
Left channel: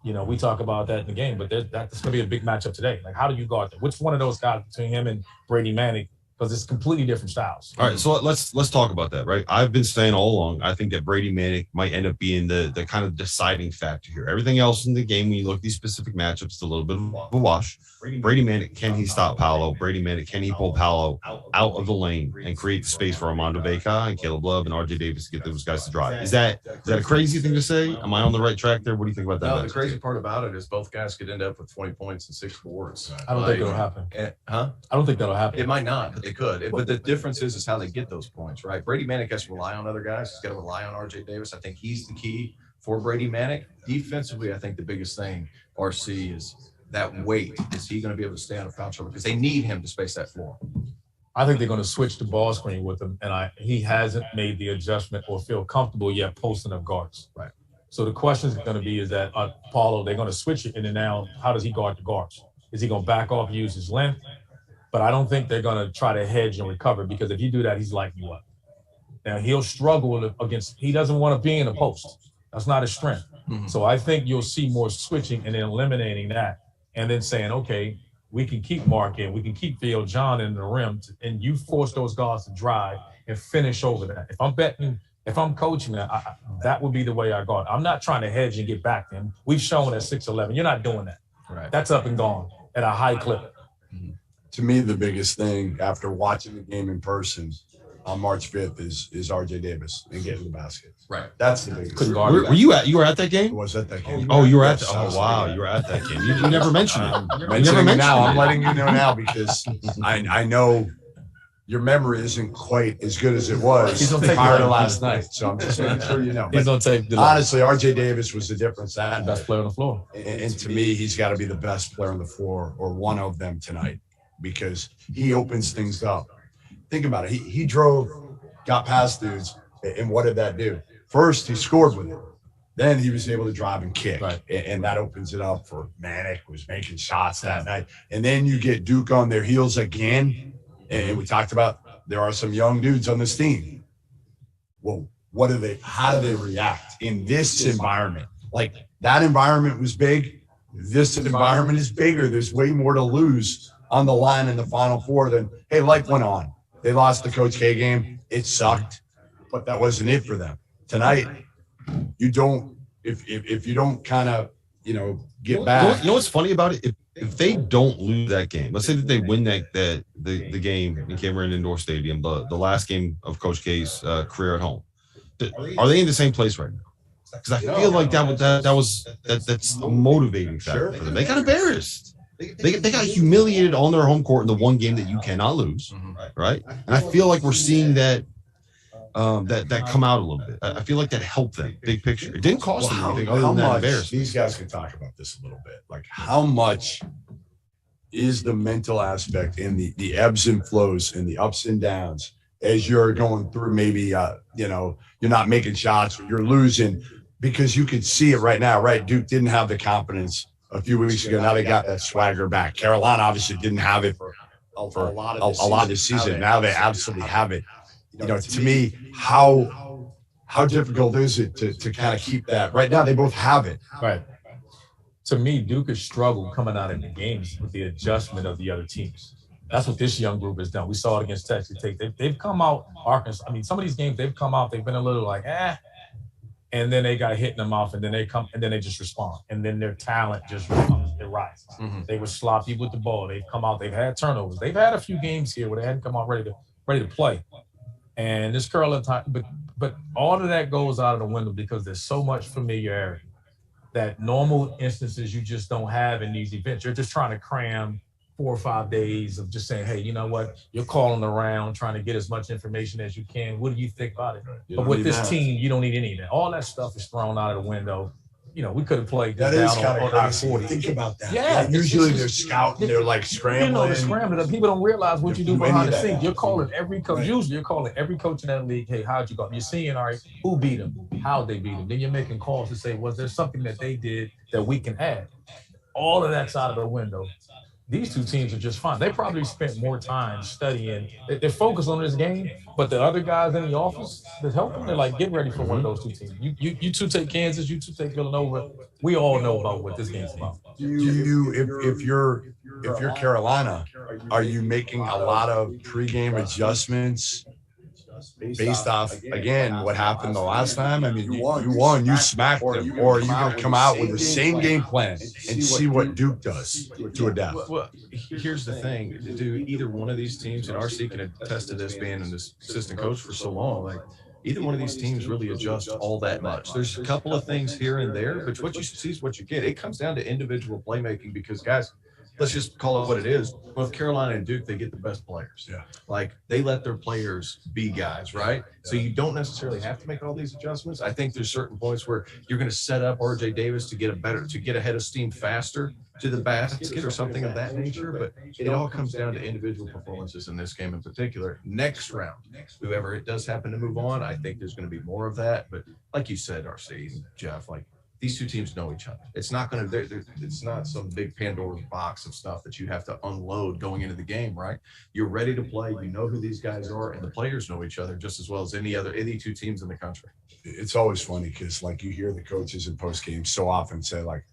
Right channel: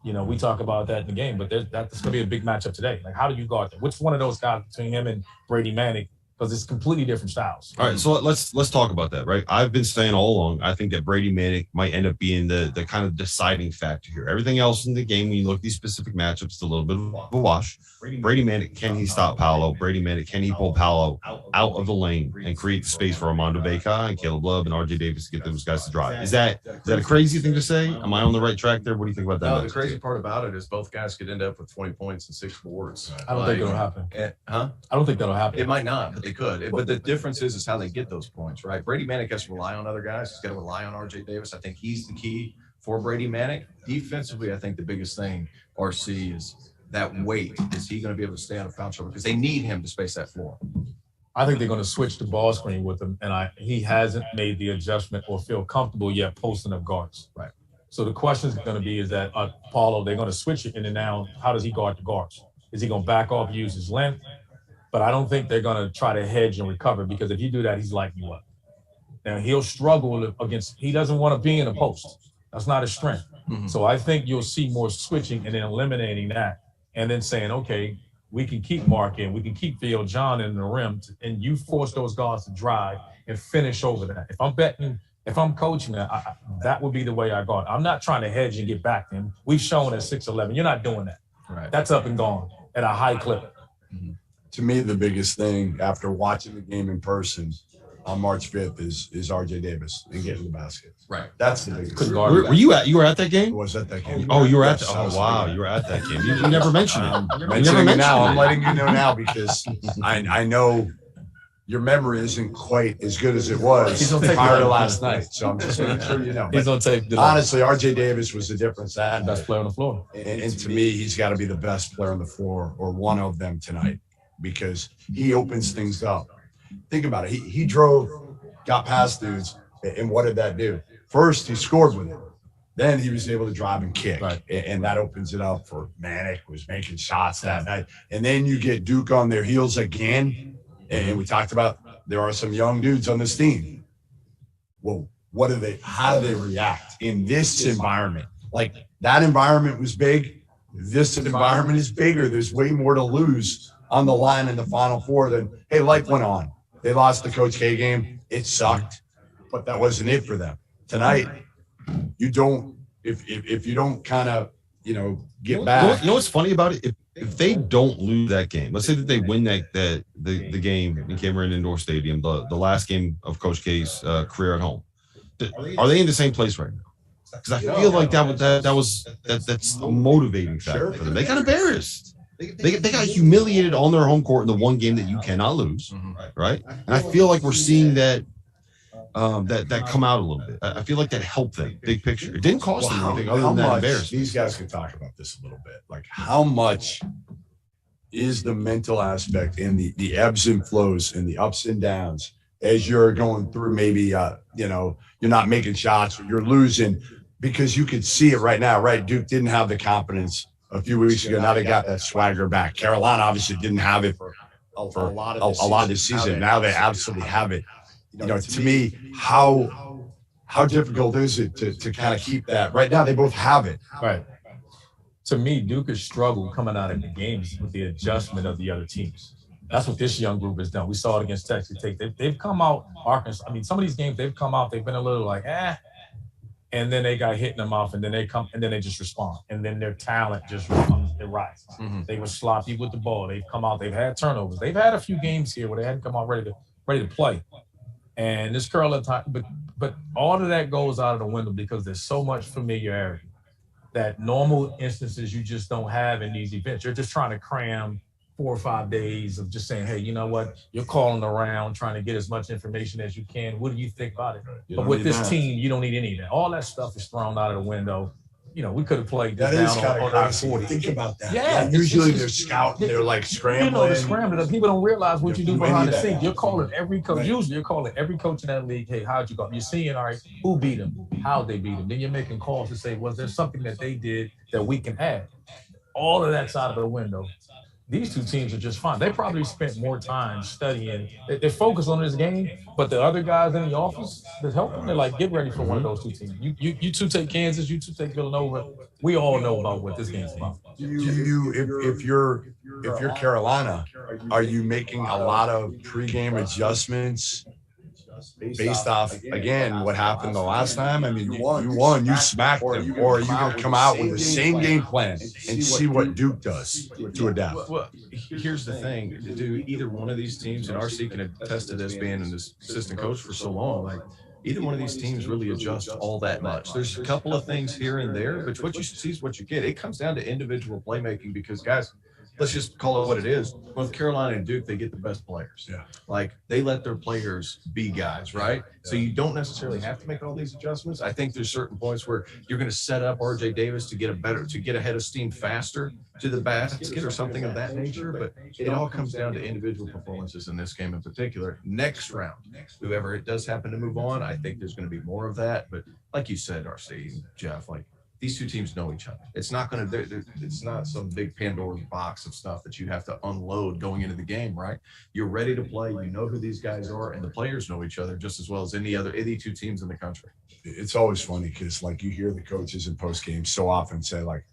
You know, we talk about that in the game, but that's going to be a big matchup today. Like, how do you guard that? Which one of those guys between him and Brady Manick? Because it's completely different styles. All right, so let's talk about that, right? I've been saying all along, I think that Brady Manick might end up being the kind of deciding factor here. Everything else in the game, when you look at these specific matchups, it's a little bit of a wash. Brady Manick, can he stop Paolo? Brady Manick, can he pull Paolo out of the lane and create the space for Armando Bacot and Caleb Love and RJ Davis to get those guys to drive? Is that a crazy thing to say? Am I on the right track there? What do you think about that? No, the crazy part about it is both guys could end up with 20 points and 6 boards. I don't think it'll happen. I don't think that'll happen. It might not, but they could. But the difference is how they get those points, right? Brady Manick has to rely on other guys. He's got to rely on RJ Davis. I think he's the key for Brady Manick. Defensively, I think the biggest thing, RC, is that weight. Is he going to be able to stay out of foul trouble? Because they need him to space that floor. I think they're going to switch the ball screen with him, and he hasn't made the adjustment or feel comfortable yet posting up guards. Right. So the question is going to be, is that Paulo, they're going to switch it, and then now how does he guard the guards? Is he going to back off, use his length? But I don't think they're going to try to hedge and recover, because if you do that, he's lighting you up. Now, he'll struggle against – he doesn't want to be in a post. That's not his strength. Mm-hmm. So I think you'll see more switching and then eliminating that and then saying, okay, we can keep Mark in. We can keep Theo John in the rim, and you force those guards to drive and finish over that. If I'm coaching that, that would be the way I guard. I'm not trying to hedge and get back to him. We've shown at 6'11", you're not doing that. Right. That's up and gone at a high clip. Mm-hmm. To me, the biggest thing after watching the game in person, on March 5th is RJ Davis and getting the basket. Right. That's the biggest. Were you at that game? I was at that game. Oh, you were at. Yes, Oh, wow, you were at that game. You never mentioned it. I'm mentioning it now. I'm letting you know now because I know your memory isn't quite as good as it was prior to last night. So I'm just making sure you know. He's on tape. Honestly, RJ Davis was the difference that night. Best player on the floor. And to me, he's got to be the best player on the floor or one of them tonight because he opens things up. Think about it. He drove, got past dudes, and what did that do? First, he scored with it. Then he was able to drive and kick, right. And that opens it up for Manic was making shots that night. And then you get Duke on their heels again, and we talked about there are some young dudes on this team. Well, how do they react in this environment? Like that environment was big. This environment is bigger. There's way more to lose on the line in the Final Four than, hey, life went on. They lost the Coach K game. It sucked, but that wasn't it for them. Tonight, you don't, if you don't kind of, get back. You know what's funny about it? If they don't lose that game, let's say that they win the game in Cameron Indoor Stadium, the last game of Coach K's career at home, are they in the same place right now? Because I feel like that's a motivating factor for them. They got embarrassed. They got humiliated on their home court in the one game that you cannot lose, right? And I feel like we're seeing that come out a little bit. I feel like that helped them, big picture. It didn't cost them anything other than that embarrassment. These guys could talk about this a little bit. Like how much is the mental aspect and the ebbs and flows and the ups and downs as you're going through maybe, you're not making shots or you're losing because you could see it right now, right? Duke didn't have the confidence a few weeks ago. Now they got that swagger back. Carolina obviously didn't have it for a lot of the season. Now they absolutely have it. To me, how difficult is it to kind of keep that? Right now, they both have it. Right. To me, Duke has struggled coming out of the games with the adjustment of the other teams. That's what this young group has done. We saw it against Texas Tech. They've come out, Arkansas. I mean, some of these games they've come out, they've been a little like, and then they got hit in the mouth, and then they just respond, and then their talent just responds. It rises. Mm-hmm. They were sloppy with the ball. They've come out. They've had turnovers. They've had a few games here where they hadn't come out ready to play. And this curling time, but all of that goes out of the window because there's so much familiarity that normal instances you just don't have in these events. You're just trying to cram 4 or 5 days of just saying, hey, you know what? You're calling around, trying to get as much information as you can. What do you think about it? But with this team, you don't need any of that. All that stuff is thrown out of the window. We could have played that down on crazy. 40. Think about that. Yeah. Usually they're scouting, they're like scrambling. They're scrambling. People don't realize what you do behind the scenes. You're calling every coach. Usually you're calling every coach in that league, hey, how'd you go? You're seeing, all right, who beat them? How'd they beat them? Then you're making calls to say, was there something that they did that we can add? All of that's out of the window. These two teams are just fine. They probably spent more time studying. They're focused on this game, but the other guys in the office that help them, they're like, get ready for one of those two teams. You two take Kansas, you two take Villanova. We all know about what this game's about. If you're Carolina, are you making a lot of pregame adjustments based off, again, what happened the last time? I mean, you won, you smacked them, or are you going to come out with the same game plan and see what Duke does to adapt? Well, here's the thing. Do either one of these teams, and RC can attest to this being an assistant coach for so long, like either one of these teams really adjust all that much. There's a couple of things here and there, but what you see is what you get. It comes down to individual playmaking because, guys, let's just call it what it is. Both Carolina and Duke, they get the best players. Yeah. Like they let their players be guys, right? So you don't necessarily have to make all these adjustments. I think there's certain points where you're going to set up RJ Davis to get ahead of steam faster to the basket or something of that nature. But it all comes down to individual performances in this game in particular. Next round, whoever it does happen to move on, I think there's going to be more of that. But like you said, RC and Jeff, like, these two teams know each other. It's not going to. It's not some big Pandora's box of stuff that you have to unload going into the game, right? You're ready to play. You know who these guys are, and the players know each other just as well as any two teams in the country. It's always funny because, like, you hear the coaches in post game so often say, like,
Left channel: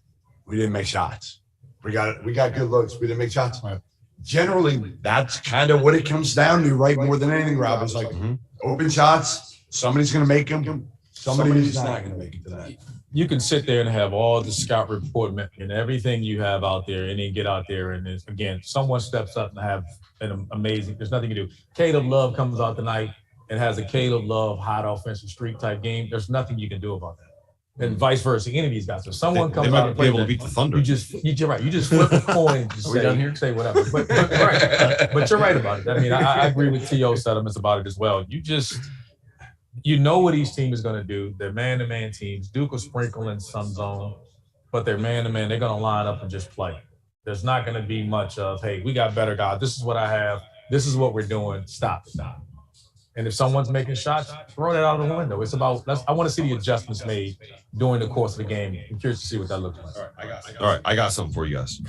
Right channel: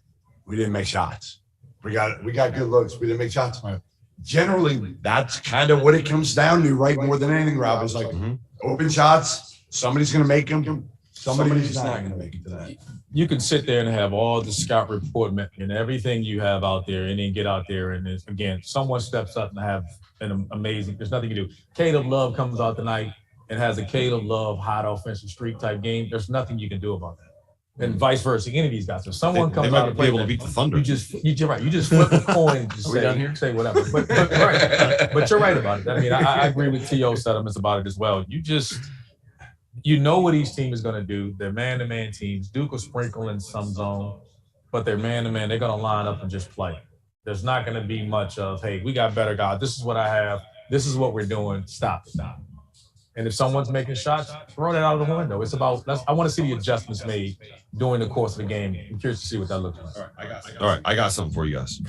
"We didn't make shots. We got good looks. We didn't make shots." Generally, that's kind of what it comes down to, right? More than anything, Rob, is like open shots. Somebody's going to make them. Somebody's not going to make it to that. You can sit there and have all the scout report and everything you have out there, and then get out there and again, someone steps up and have an amazing. There's nothing you do. Caleb Love comes out tonight. and has a Caleb Love hot offensive streak type game, there's nothing you can do about that. And vice versa, any of these guys. If someone comes out and be able to beat the Thunder. you're right. You just flip the coin and just say whatever. But right. But you're right about it. I mean, I agree with T.O.'s sentiments about it as well. You know what each team is going to do. They're man-to-man teams. Duke will sprinkle in some zone, but they're man-to-man. They're going to line up and just play. There's not going to be much of, hey, we got better guys. This is what I have. This is what we're doing. Stop. And if someone's making shots, throw that out of the window. It's about I want to see the adjustments made during the course of the game. I'm curious to see what that looks like. All right, I got something for you guys.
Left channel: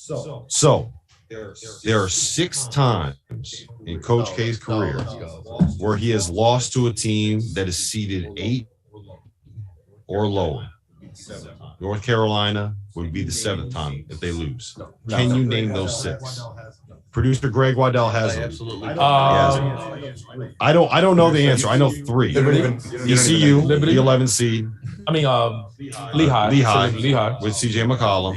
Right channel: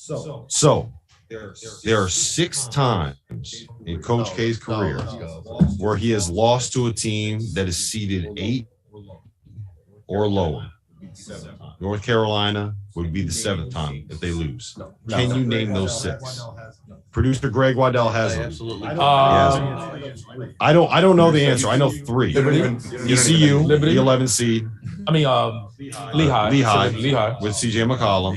So there are 6 times in Coach K's career where he has lost to a team that is seeded 8 or lower. North Carolina would be the 7th time if they lose. Can you name those 6? Producer Greg Waddell has them. Absolutely. I don't know the answer. I know 3. ECU, the 11 seed. I mean, Lehigh with CJ McCollum.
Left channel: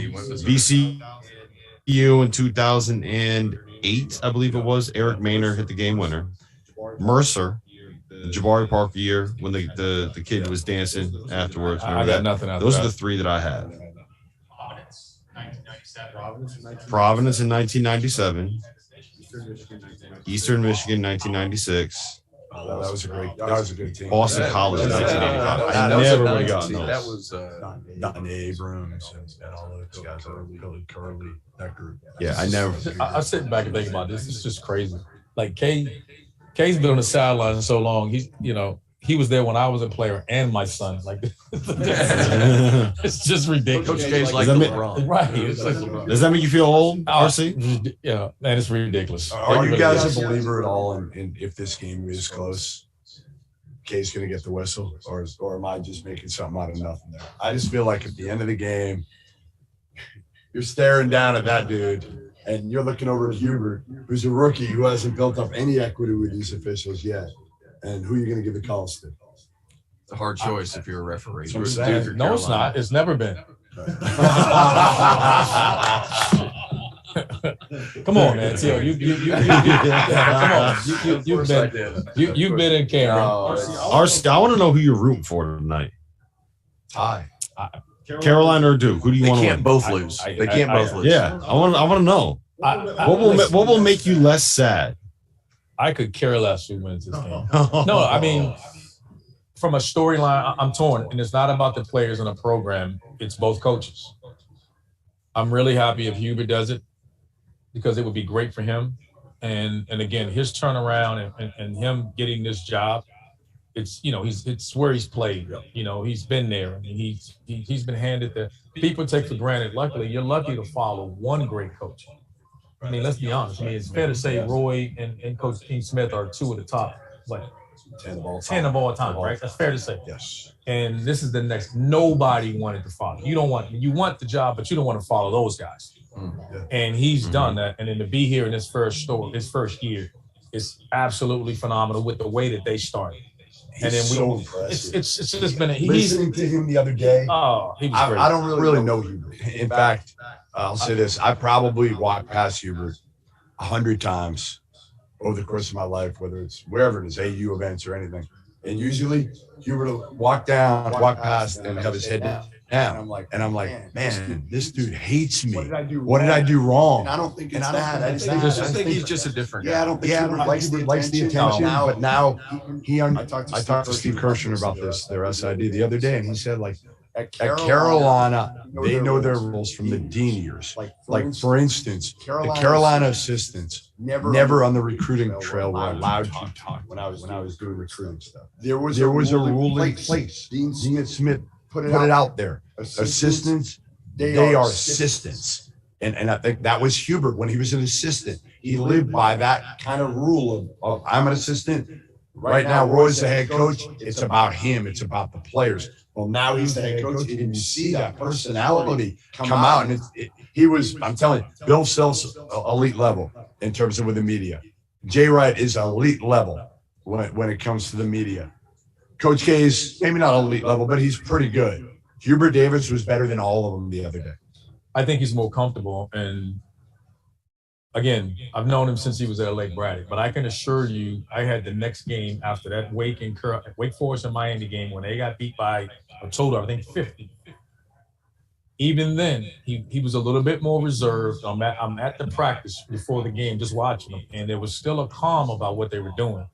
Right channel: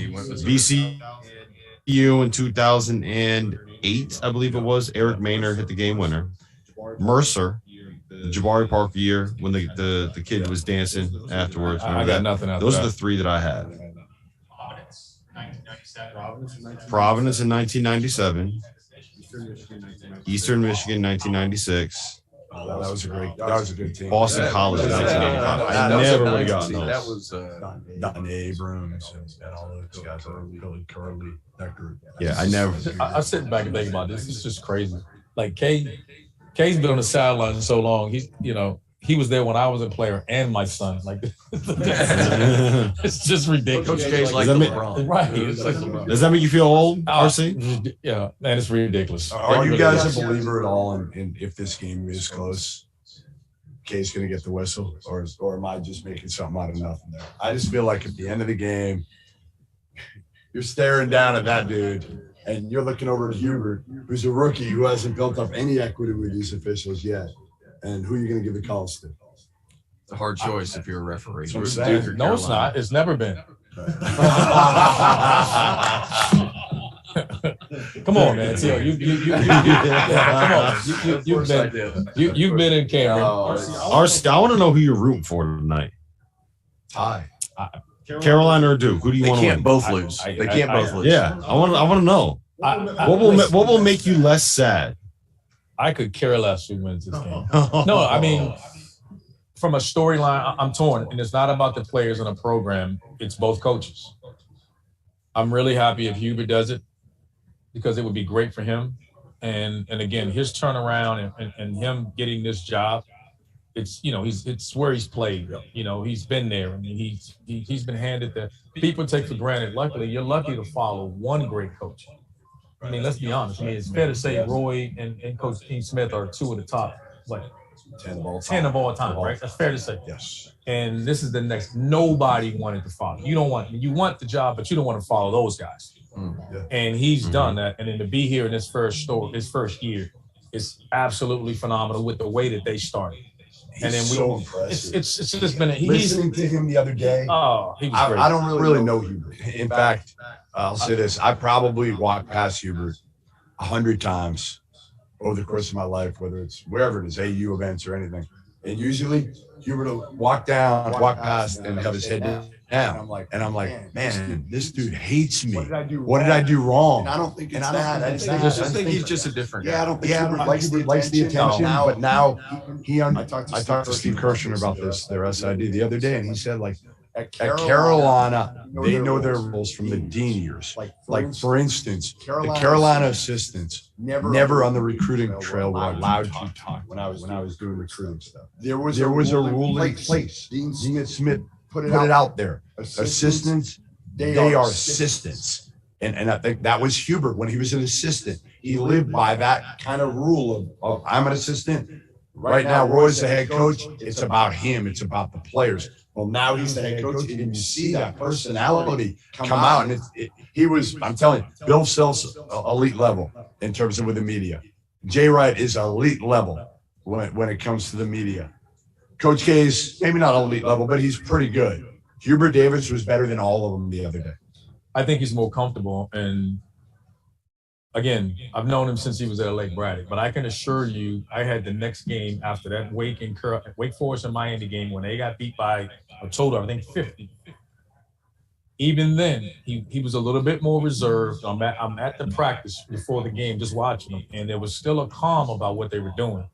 VCU in 2008, I believe it was. Eric Maynard hit the game winner. Mercer, the Jabari Parker year when the kid was dancing afterwards. I got nothing out. Those are the 3 that I have. Providence in 1997. Eastern Michigan 1996. That was a good team. Boston College in 1985. I never would have gotten those. That was Don Abrams and all those guys. Really Curly, that group. Yeah, I never. I sit back and think about this. It's just crazy. Like K's been on the sidelines so long. He was there when I was a player and my son. Like, it's just ridiculous. Coach K's like LeBron. Right. Does that make you feel old, RC? Yeah, man, it's ridiculous. Are you guys a believer at all in if this game is close, K's going to get the whistle? Or am I just making something out of nothing there? I just feel like at the end of the game, you're staring down at that dude, and you're looking over at Hubert, who's a rookie who hasn't built up any equity with these officials yet. And who are you going to give the calls to? It's a hard choice if you're a referee. No, it's not. It's never been. Come on, man. You've been in Cameron. RC, I want to know who you're rooting for tonight. Tie. Carolina or Duke? Who do you want to win? They can't both lose. They can't both lose. Yeah, I want to know. What will make you less sad? I could care less who wins this game. No, I mean, from a storyline, I'm torn. And it's not about the players in a program. It's both coaches. I'm really happy if Hubert does it because it would be great for him. And again, his turnaround and him getting this job, it's where he's played. He's been there. And he's been handed the people take for granted. Luckily, you're lucky to follow one great coach. I mean, let's be honest. I mean, it's fair to say Roy and Coach Dean Smith are 2 of the top, 10 of all time, right? That's fair to say. Yes. And this is the next. Nobody wanted to follow. You want the job, but you don't want to follow those guys. Yeah. And he's done that. And then to be here in his first year, is absolutely phenomenal with the way that they started. And then so impressive. It's just been listening to him the other day. Oh, he was great. I don't really know Hubert. In fact, I'll say this: I probably walked past Hubert 100 times over the course of my life, whether it's wherever it is, AU events or anything. And usually, Hubert will walk past, and have his head down. And I'm like, man, this dude hates me. What did I do wrong? And I don't think it's that. I just think he's just a different guy. Yeah, I don't think Hubert likes the attention. But now I talked to Steve Kirshner about their SID the other day, and he said, like, at Carolina, they know their rules from the dean years. Like for instance, the Carolina assistants never on the recruiting trail were allowed to talk when I was doing recruiting stuff. There was a rule in place. Dean Smith put it out there. Assistants, they are assistants. And I think that was Hubert when he was an assistant. He lived by that kind of rule of I'm an assistant. Right now, Roy's the head coach. It's about him. It's about the players. Well, now he's the head coach. And you see that personality come out. And he was, I'm telling you, Bill Self's elite level in terms of with the media. Jay Wright is elite level when it comes to the media. Coach K is maybe not elite level, but he's pretty good. Hubert Davis was better than all of them the other day. I think he's more comfortable, and again, I've known him since he was at Lake Braddock, but I can assure you, I had the next game after that Wake Forest and Miami game when they got beat by a total, I think 50. Even then, he was a little bit more reserved. I'm at the practice before the game, just watching them, and there was still a calm about what they were doing.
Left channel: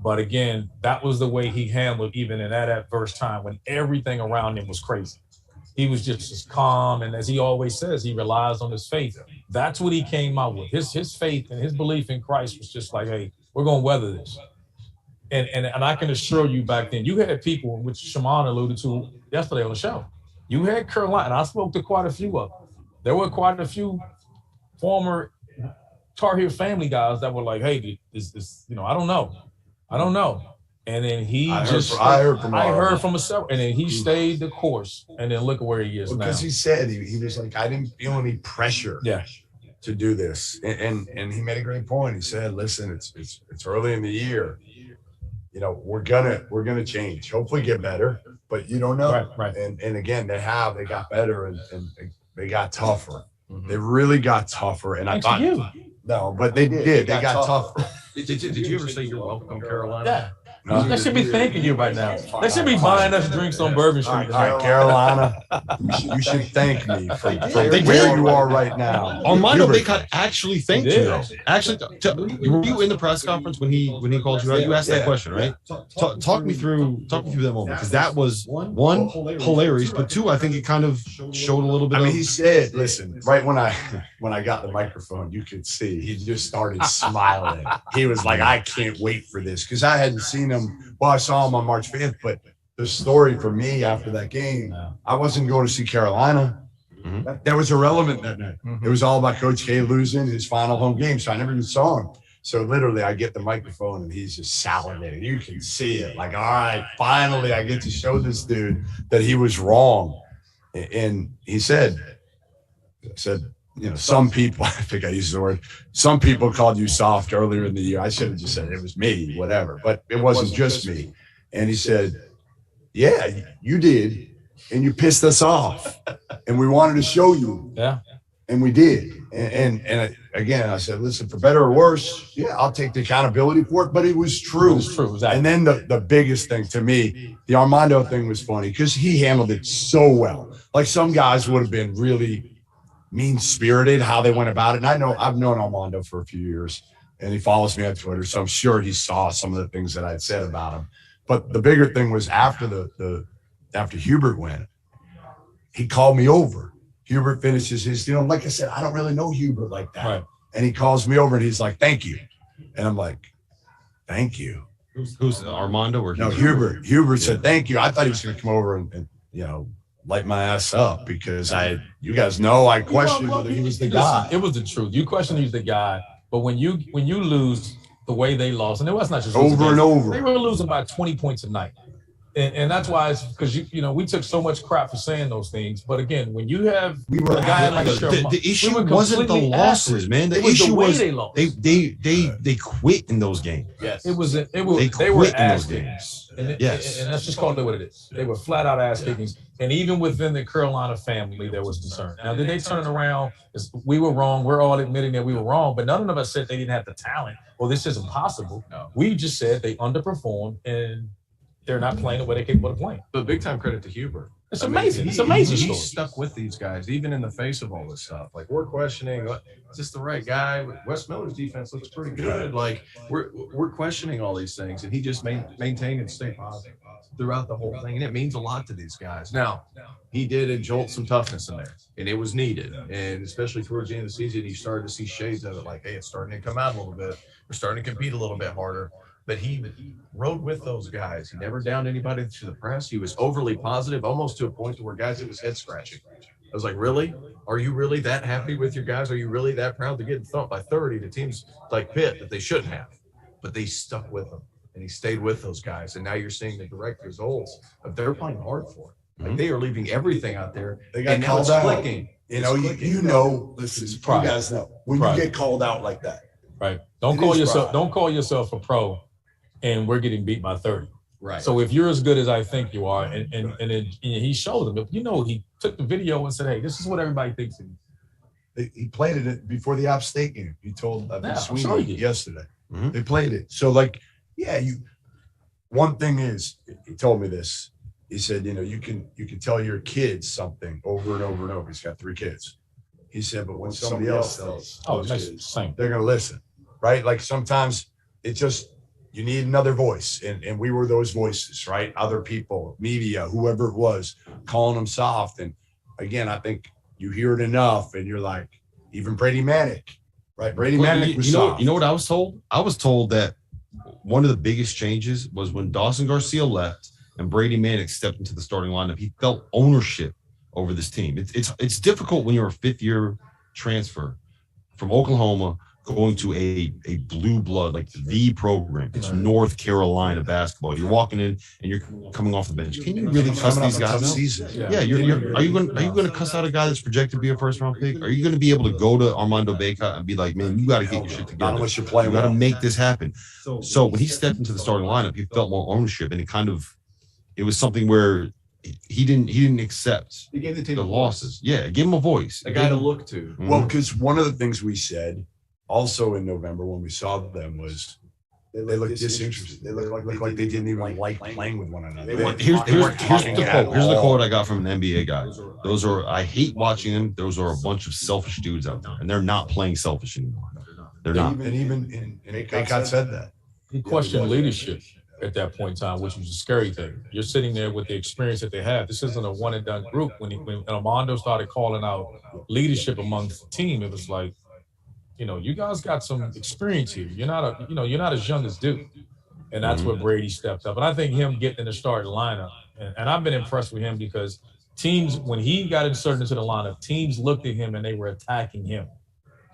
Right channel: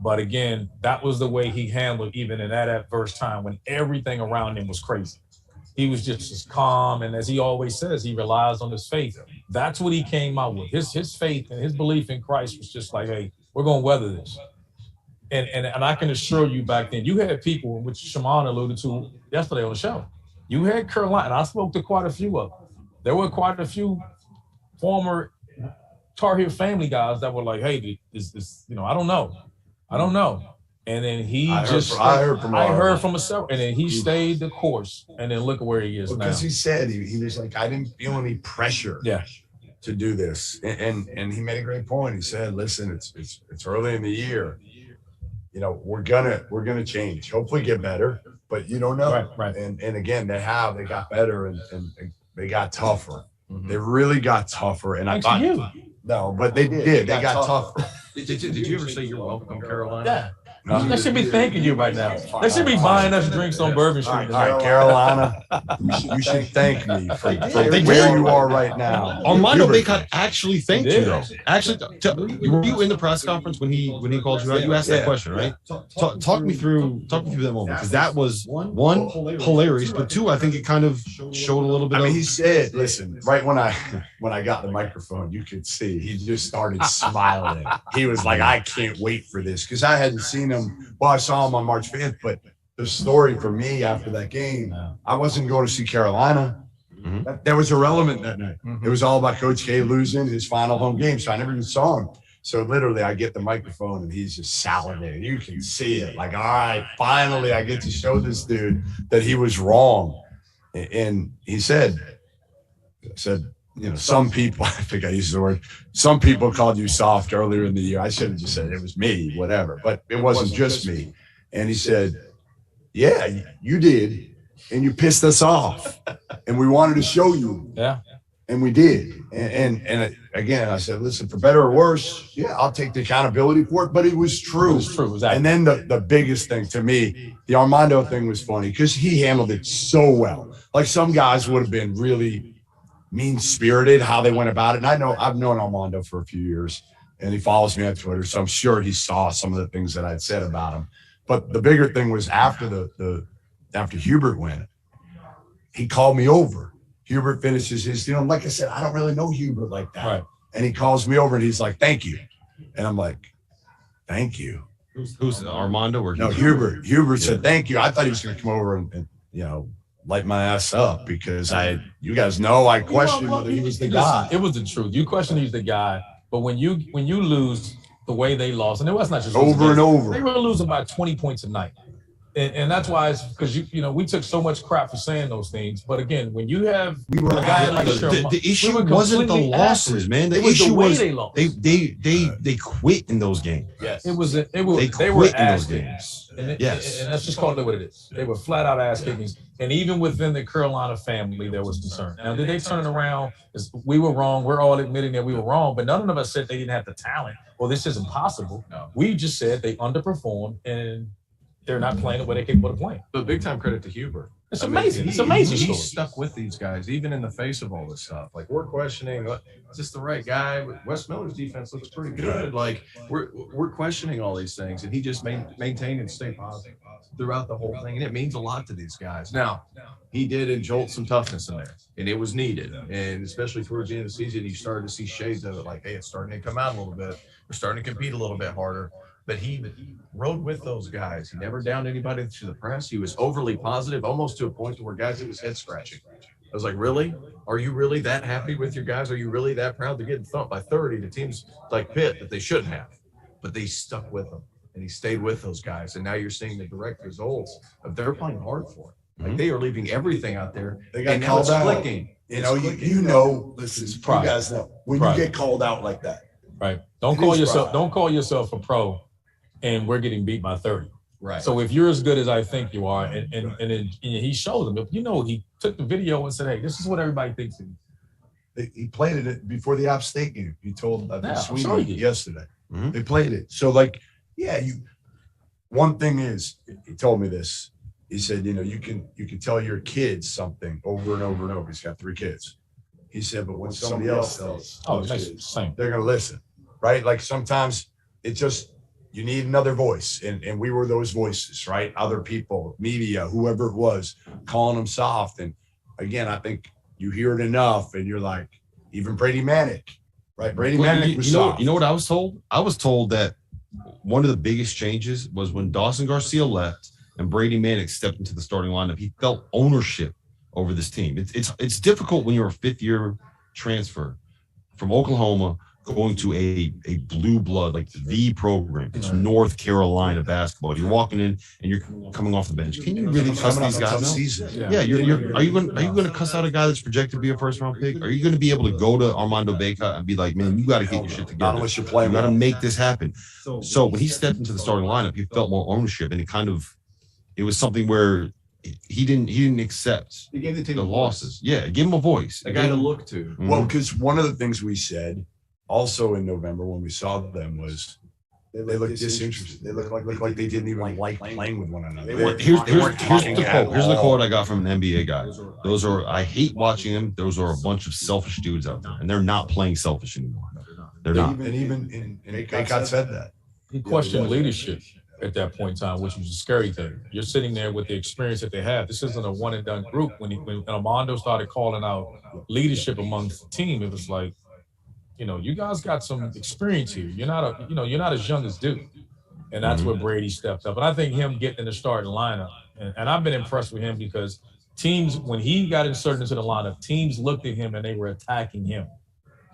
But again, that was the way he handled even in that adverse time when everything around him was crazy. He was just as calm, and as he always says, he relies on his faith. That's what he came out with. His faith and his belief in Christ was just like, hey, we're going to weather this. And I can assure you back then, you had people, which Shimon alluded to yesterday on the show. You had Carolina, and I spoke to quite a few of them. There were quite a few former Tar Heel family guys that were like, hey, this, I don't know. And then I heard from several, and then he stayed the course, and then look at where he is now. Because he said he was like, I didn't feel any pressure to do this, and he made a great point. He said, listen, it's early in the year, we're gonna change, hopefully get better, but you don't know. Right. And again, they got better and they got tougher. Mm-hmm. They really got tougher, and Thanks to you. No, but they did. They got tougher. Did you ever say you're welcome, Carolina? Yeah. They should be thanking you right now. They should be buying us drinks on Bourbon Street. All right, Carolina, you should thank me for where you are right now. Armando Bacot actually thanked you, though. Actually, were you in the press conference when he called you out? You asked that question, right? Talk me through that moment, because that was one, hilarious, but two, I think it kind of showed a little bit. He said, "Listen," right when I got the microphone, you could see he just started smiling. He was like, "I can't wait for this," because I hadn't seen him. Well, I saw him on March 5th, but the story for me after that game, I wasn't going to see Carolina. Mm-hmm. That was irrelevant that night. Mm-hmm. It was all about Coach K losing his final home game, so I never even saw him. So literally, I get the microphone, and he's just salivating. You can see it. Like, all right, finally, I get to show this dude that he was wrong. And he said, some people, I think I used the word, some people called you soft earlier in the year. I should have just said it was me, whatever, but it wasn't just me. And he said, yeah, you did. And you pissed us off. And we wanted to show you. Yeah. And we did. And again, I said, listen, for better or worse, I'll take the accountability for it. But it was true. It was true. Exactly. And then the biggest thing to me, the Armando thing was funny because he handled it so well. Like some guys would have been really mean-spirited how they went about it. And I've known Armando for a few years, and he follows me on Twitter, so I'm sure he saw some of the things that I'd said about him. But the bigger thing was after after Hubert went, he called me over. Hubert finishes his, like I said, I don't really know Hubert like that. Right. And he calls me over and he's like, thank you. And I'm like, thank you. Who's Armando or no, Hubert? Hubert said, thank you. I thought he was going to come over and light my ass up because you guys know I questioned whether he was the guy. It was the truth. You questioned he's the guy, but when you lose the way they lost, and it was not just over and over, they were losing by 20 points a night, and that's why it's because we took so much crap for saying those things. But again, when you have a guy like the issue wasn't the losses, man. The issue was they quit in those games. Yes, they were ass kickings. And let's just call it what it is. They were flat out ass kickings. And even within the Carolina family, there was concern. Now, did they turn it around? We were wrong. We're all admitting that we were wrong, but none of us said they didn't have the talent. Well, this isn't possible. No. We just said they underperformed and they're not playing the way they're capable of playing. But big time credit to Hubert. It's amazing. It's amazing. He stuck with these guys, even in the face of all this stuff. Like, we're questioning, is this the right guy? Wes Miller's defense looks pretty good. Like, we're questioning all these things, and he just maintained and stayed positive throughout the whole thing, and it means a lot to these guys. Now, he did injolt some toughness in there, and it was needed. And especially towards the end of the season, you started to see shades of it, like, hey, it's starting to come out a little bit. We're starting to compete a little bit harder. But he rode with those guys. He never downed anybody to the press. He was overly positive, almost to a point to where guys, it was head scratching. I was like, really? Are you really that happy with your guys? Are you really that proud? They're getting thumped by 30 to teams like Pitt that they shouldn't have. But they stuck with them, and he stayed with those guys. And now you're seeing the direct results of they're playing hard for it. Like, they are leaving everything out there. They got called out. Clicking. Listen, you guys know when you get called out like that. Right. Don't call yourself a pro and we're getting beat by 30. Right. So if you're as good as I think you are, and he showed them, he took the video and said, hey, this is what everybody thinks. He played it before the App State game. He told Sweeney yesterday. Mm-hmm. They played it. So, like, yeah, one thing is, he told me this. He said, you can tell your kids something over and over and over. He's got 3 kids. He said, but when somebody else tells those kids, they're going to listen, right? Like sometimes it's just you need another voice, and we were those voices, right? Other people, media, whoever it was, calling them soft. And again, I think you hear it enough, and you're like, even Brady Manick, right? Brady Manick was soft. You know what I was told? I was told that one of the biggest changes was when Dawson Garcia left and Brady Manick stepped into the starting lineup. He felt ownership over this team. It's difficult when you're a 5th-year transfer from Oklahoma going to a blue blood, like the program. It's North Carolina basketball. You're walking in and you're coming off the bench. Can you really cuss these guys out? Yeah, are you going to cuss out a guy that's projected to be a first-round pick? Are you going to be able to go to Armando Bacot and be like, man, you got to get your shit together. Not unless you're playing. You got to make this happen. So when he stepped into the starting lineup, he felt more ownership, and it was something where he didn't accept the losses. Yeah, give him a voice. A guy to look to. Mm-hmm. Well, because one of the things we said also in November when we saw them was they looked disinterested. They looked like they didn't even like playing with one another. Here's the quote. Here's the quote I got from an NBA guy. I hate watching them. Those are a bunch of selfish dudes out there, and they're not playing selfish anymore. They're not. And even Bacot said that. He questioned leadership at that point in time, which was a scary thing. You're sitting there with the experience that they have. This isn't a one and done group. When Armando started calling out leadership amongst the team, it was like, you guys got some experience here. You're not as young as Duke. And that's where Brady stepped up. And I think him getting in the starting lineup, and I've been impressed with him because teams, when he got inserted into the lineup, teams looked at him and they were attacking him.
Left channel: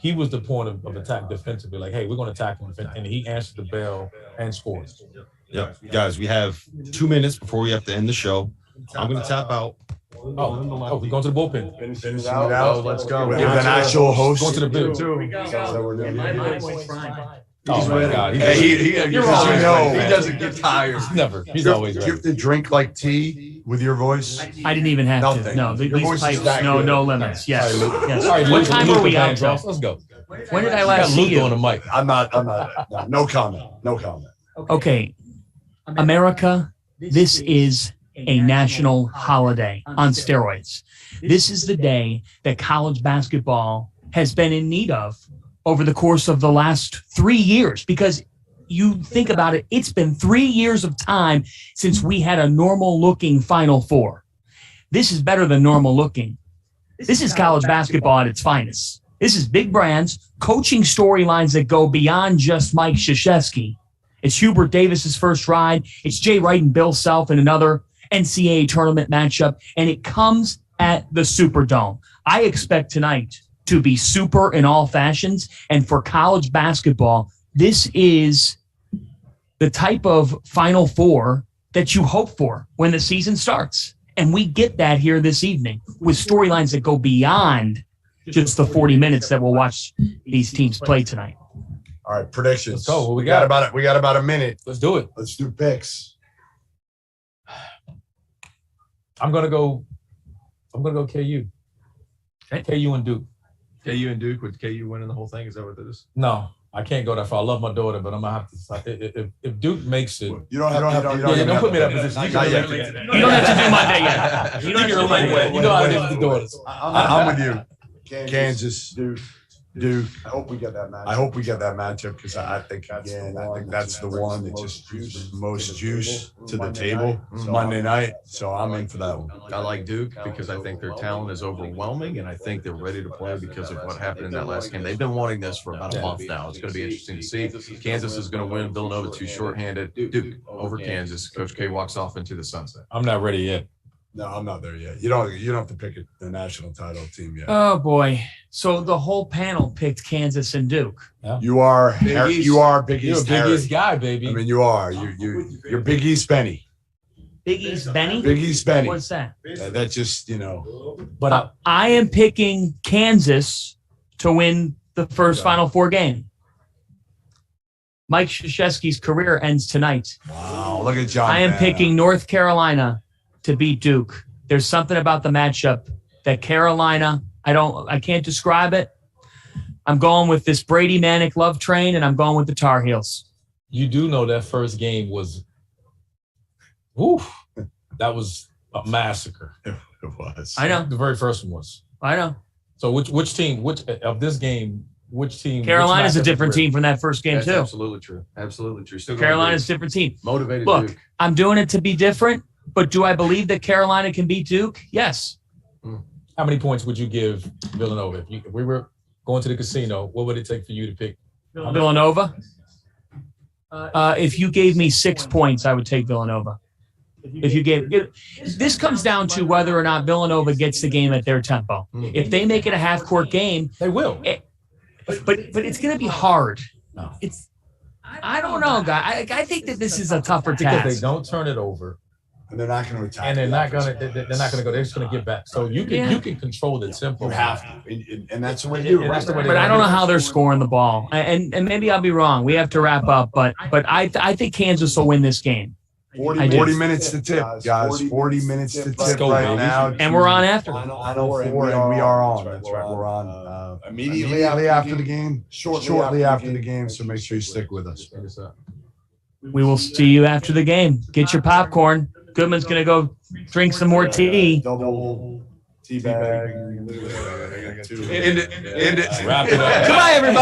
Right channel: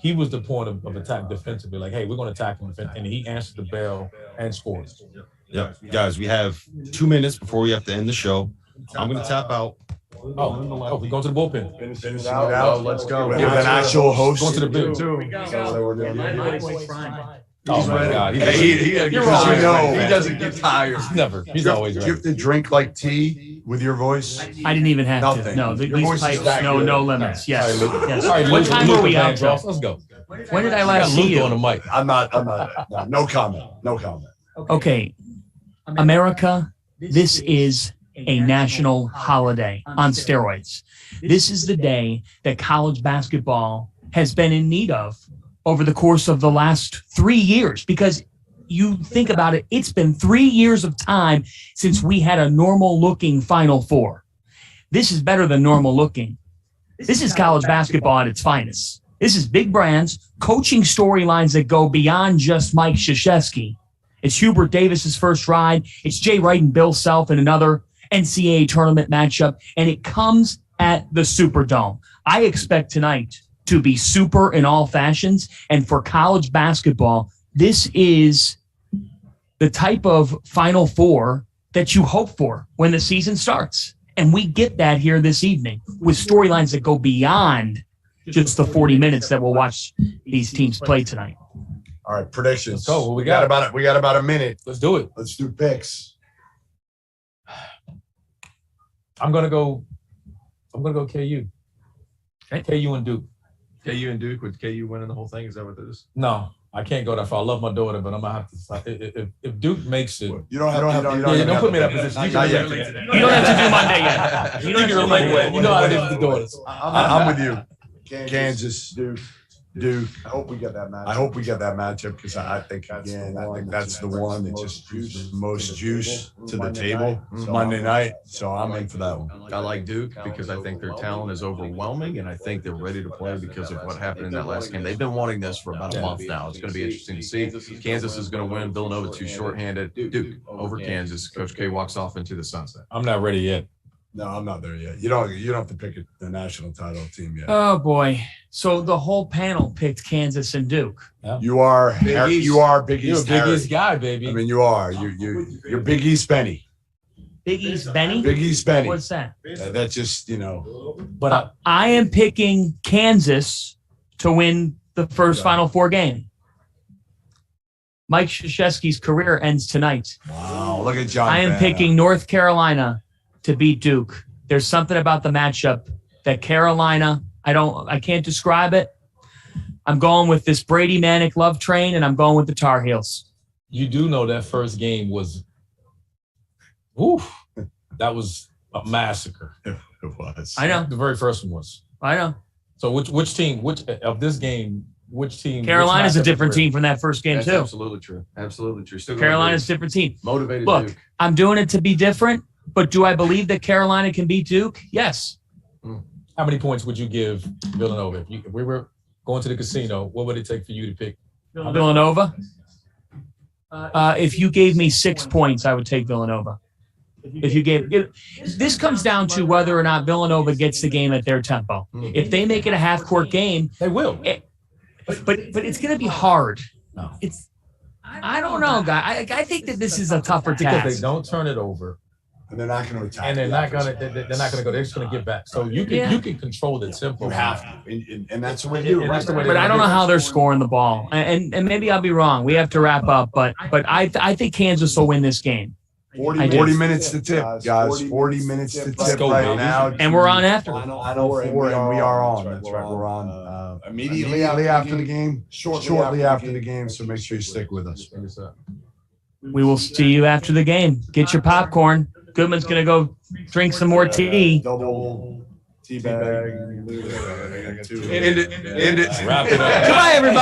He was the point of attack defensively, like, hey, we're going to attack him. And he answered the bell and scored. Yeah, guys, we have 2 minutes before we have to end the show. I'm going to tap out. Oh, we're going to the bullpen. Finishing it out. Let's go. Give an actual host. Going to the bench. Oh my God! He doesn't get tired. Never. He's always ready. You have to drink like tea with your voice. I didn't even have Nothing. to. No, these pipes, no limits. Yes. All right, what time are we out? Let's go. When did I last see you? On the mic. I'm not. No comment. Okay, America. This is a national holiday on steroids. This is the day that college basketball has been in need of over the course of the last 3 years, because you think about it, it's been 3 years of time since we had a normal looking Final Four. This is better than normal looking. This is college basketball at its finest. This is big brands, coaching storylines that go beyond just Mike Krzyzewski. It's Hubert Davis's first ride. It's Jay Wright and Bill Self in another NCAA tournament matchup, and it comes at the Superdome. I expect tonight to be super in all fashions, and for college basketball, this is the type of Final Four that you hope for when the season starts. And we get that here this evening with storylines that go beyond just the 40 minutes that we'll watch these teams play tonight. All right, predictions. Let's go. We got about a minute. Let's do it. Let's do picks. I'm gonna go KU. Okay. KU and Duke. KU and Duke, with KU winning the whole thing? Is that what it is? No, I can't go that far. I love my daughter, but I'm gonna have to. If Duke makes it, You don't put me in that position. You don't have to do Monday yet. You don't have to do You know how it is with the daughters. I'm with you. Kansas, Duke. I hope we get that matchup because I think that's the one that just brings the most juice to the table Monday night. So I'm in for that one. I like Duke because I think their talent is overwhelming, and I think they're ready to play because of what happened in that last game. They've been wanting this for about a month now. It's going to be interesting to see. Kansas is going to win. Villanova too shorthanded. Duke over Kansas. Coach K walks off into the sunset. I'm not ready yet. No, I'm not there yet. You don't have to pick the national title team yet. Oh boy! So the whole panel picked Kansas and Duke. Yeah. You are Big East. You're a Big East guy, baby. I mean, you are. You're Big East Benny. Big East Benny. Big East Benny. What's that? That's just But I am picking Kansas to win the first Final Four game. Mike Krzyzewski's career ends tonight. Wow! Look at John. I am picking North Carolina to beat Duke. There's something about the matchup that Carolina, I can't describe it, I'm going with this Brady Manic love train, and I'm going with the Tar Heels. You do know that first game was, that was a massacre. It was. I know. The very first one was. I know. So which team of this game? Which team? Carolina's a different team from that first game That's too. absolutely true. Absolutely true. Still Carolina's a different team. motivated. Look, Duke. I'm doing it to be different, but do I believe that Carolina can beat Duke? Yes. How many points would you give Villanova? If we were going to the casino, what would it take for you to pick Villanova? If you gave me 6 points, I would take Villanova. If you gave this comes down to whether or not Villanova gets the game at their tempo. If they make it a half-court game, They will. but it's going to be hard. No. I don't know, guy. I think that this is a tougher Because they task. don't turn it over, And they're not going to attack. and they're the not offensive gonna play. they're not gonna go. They're just gonna get back. So you can control it simple. You have to, and that's the way to do it. And that's the way But I don't know how they're scoring the ball, and maybe I'll be wrong. We have to wrap up, but I think Kansas will win this game. 40 do. minutes to tip, guys. 40 minutes to Let's tip go, right baby. now. And we're on after. Final four, and we are on. That's right. We're on immediately after the game, shortly after the game. So make sure you stick with us. We will see you after the game. Get your popcorn. Goodman's going to go drink some more tea. Double tea bag. End it. Wrap it up. Goodbye, everybody.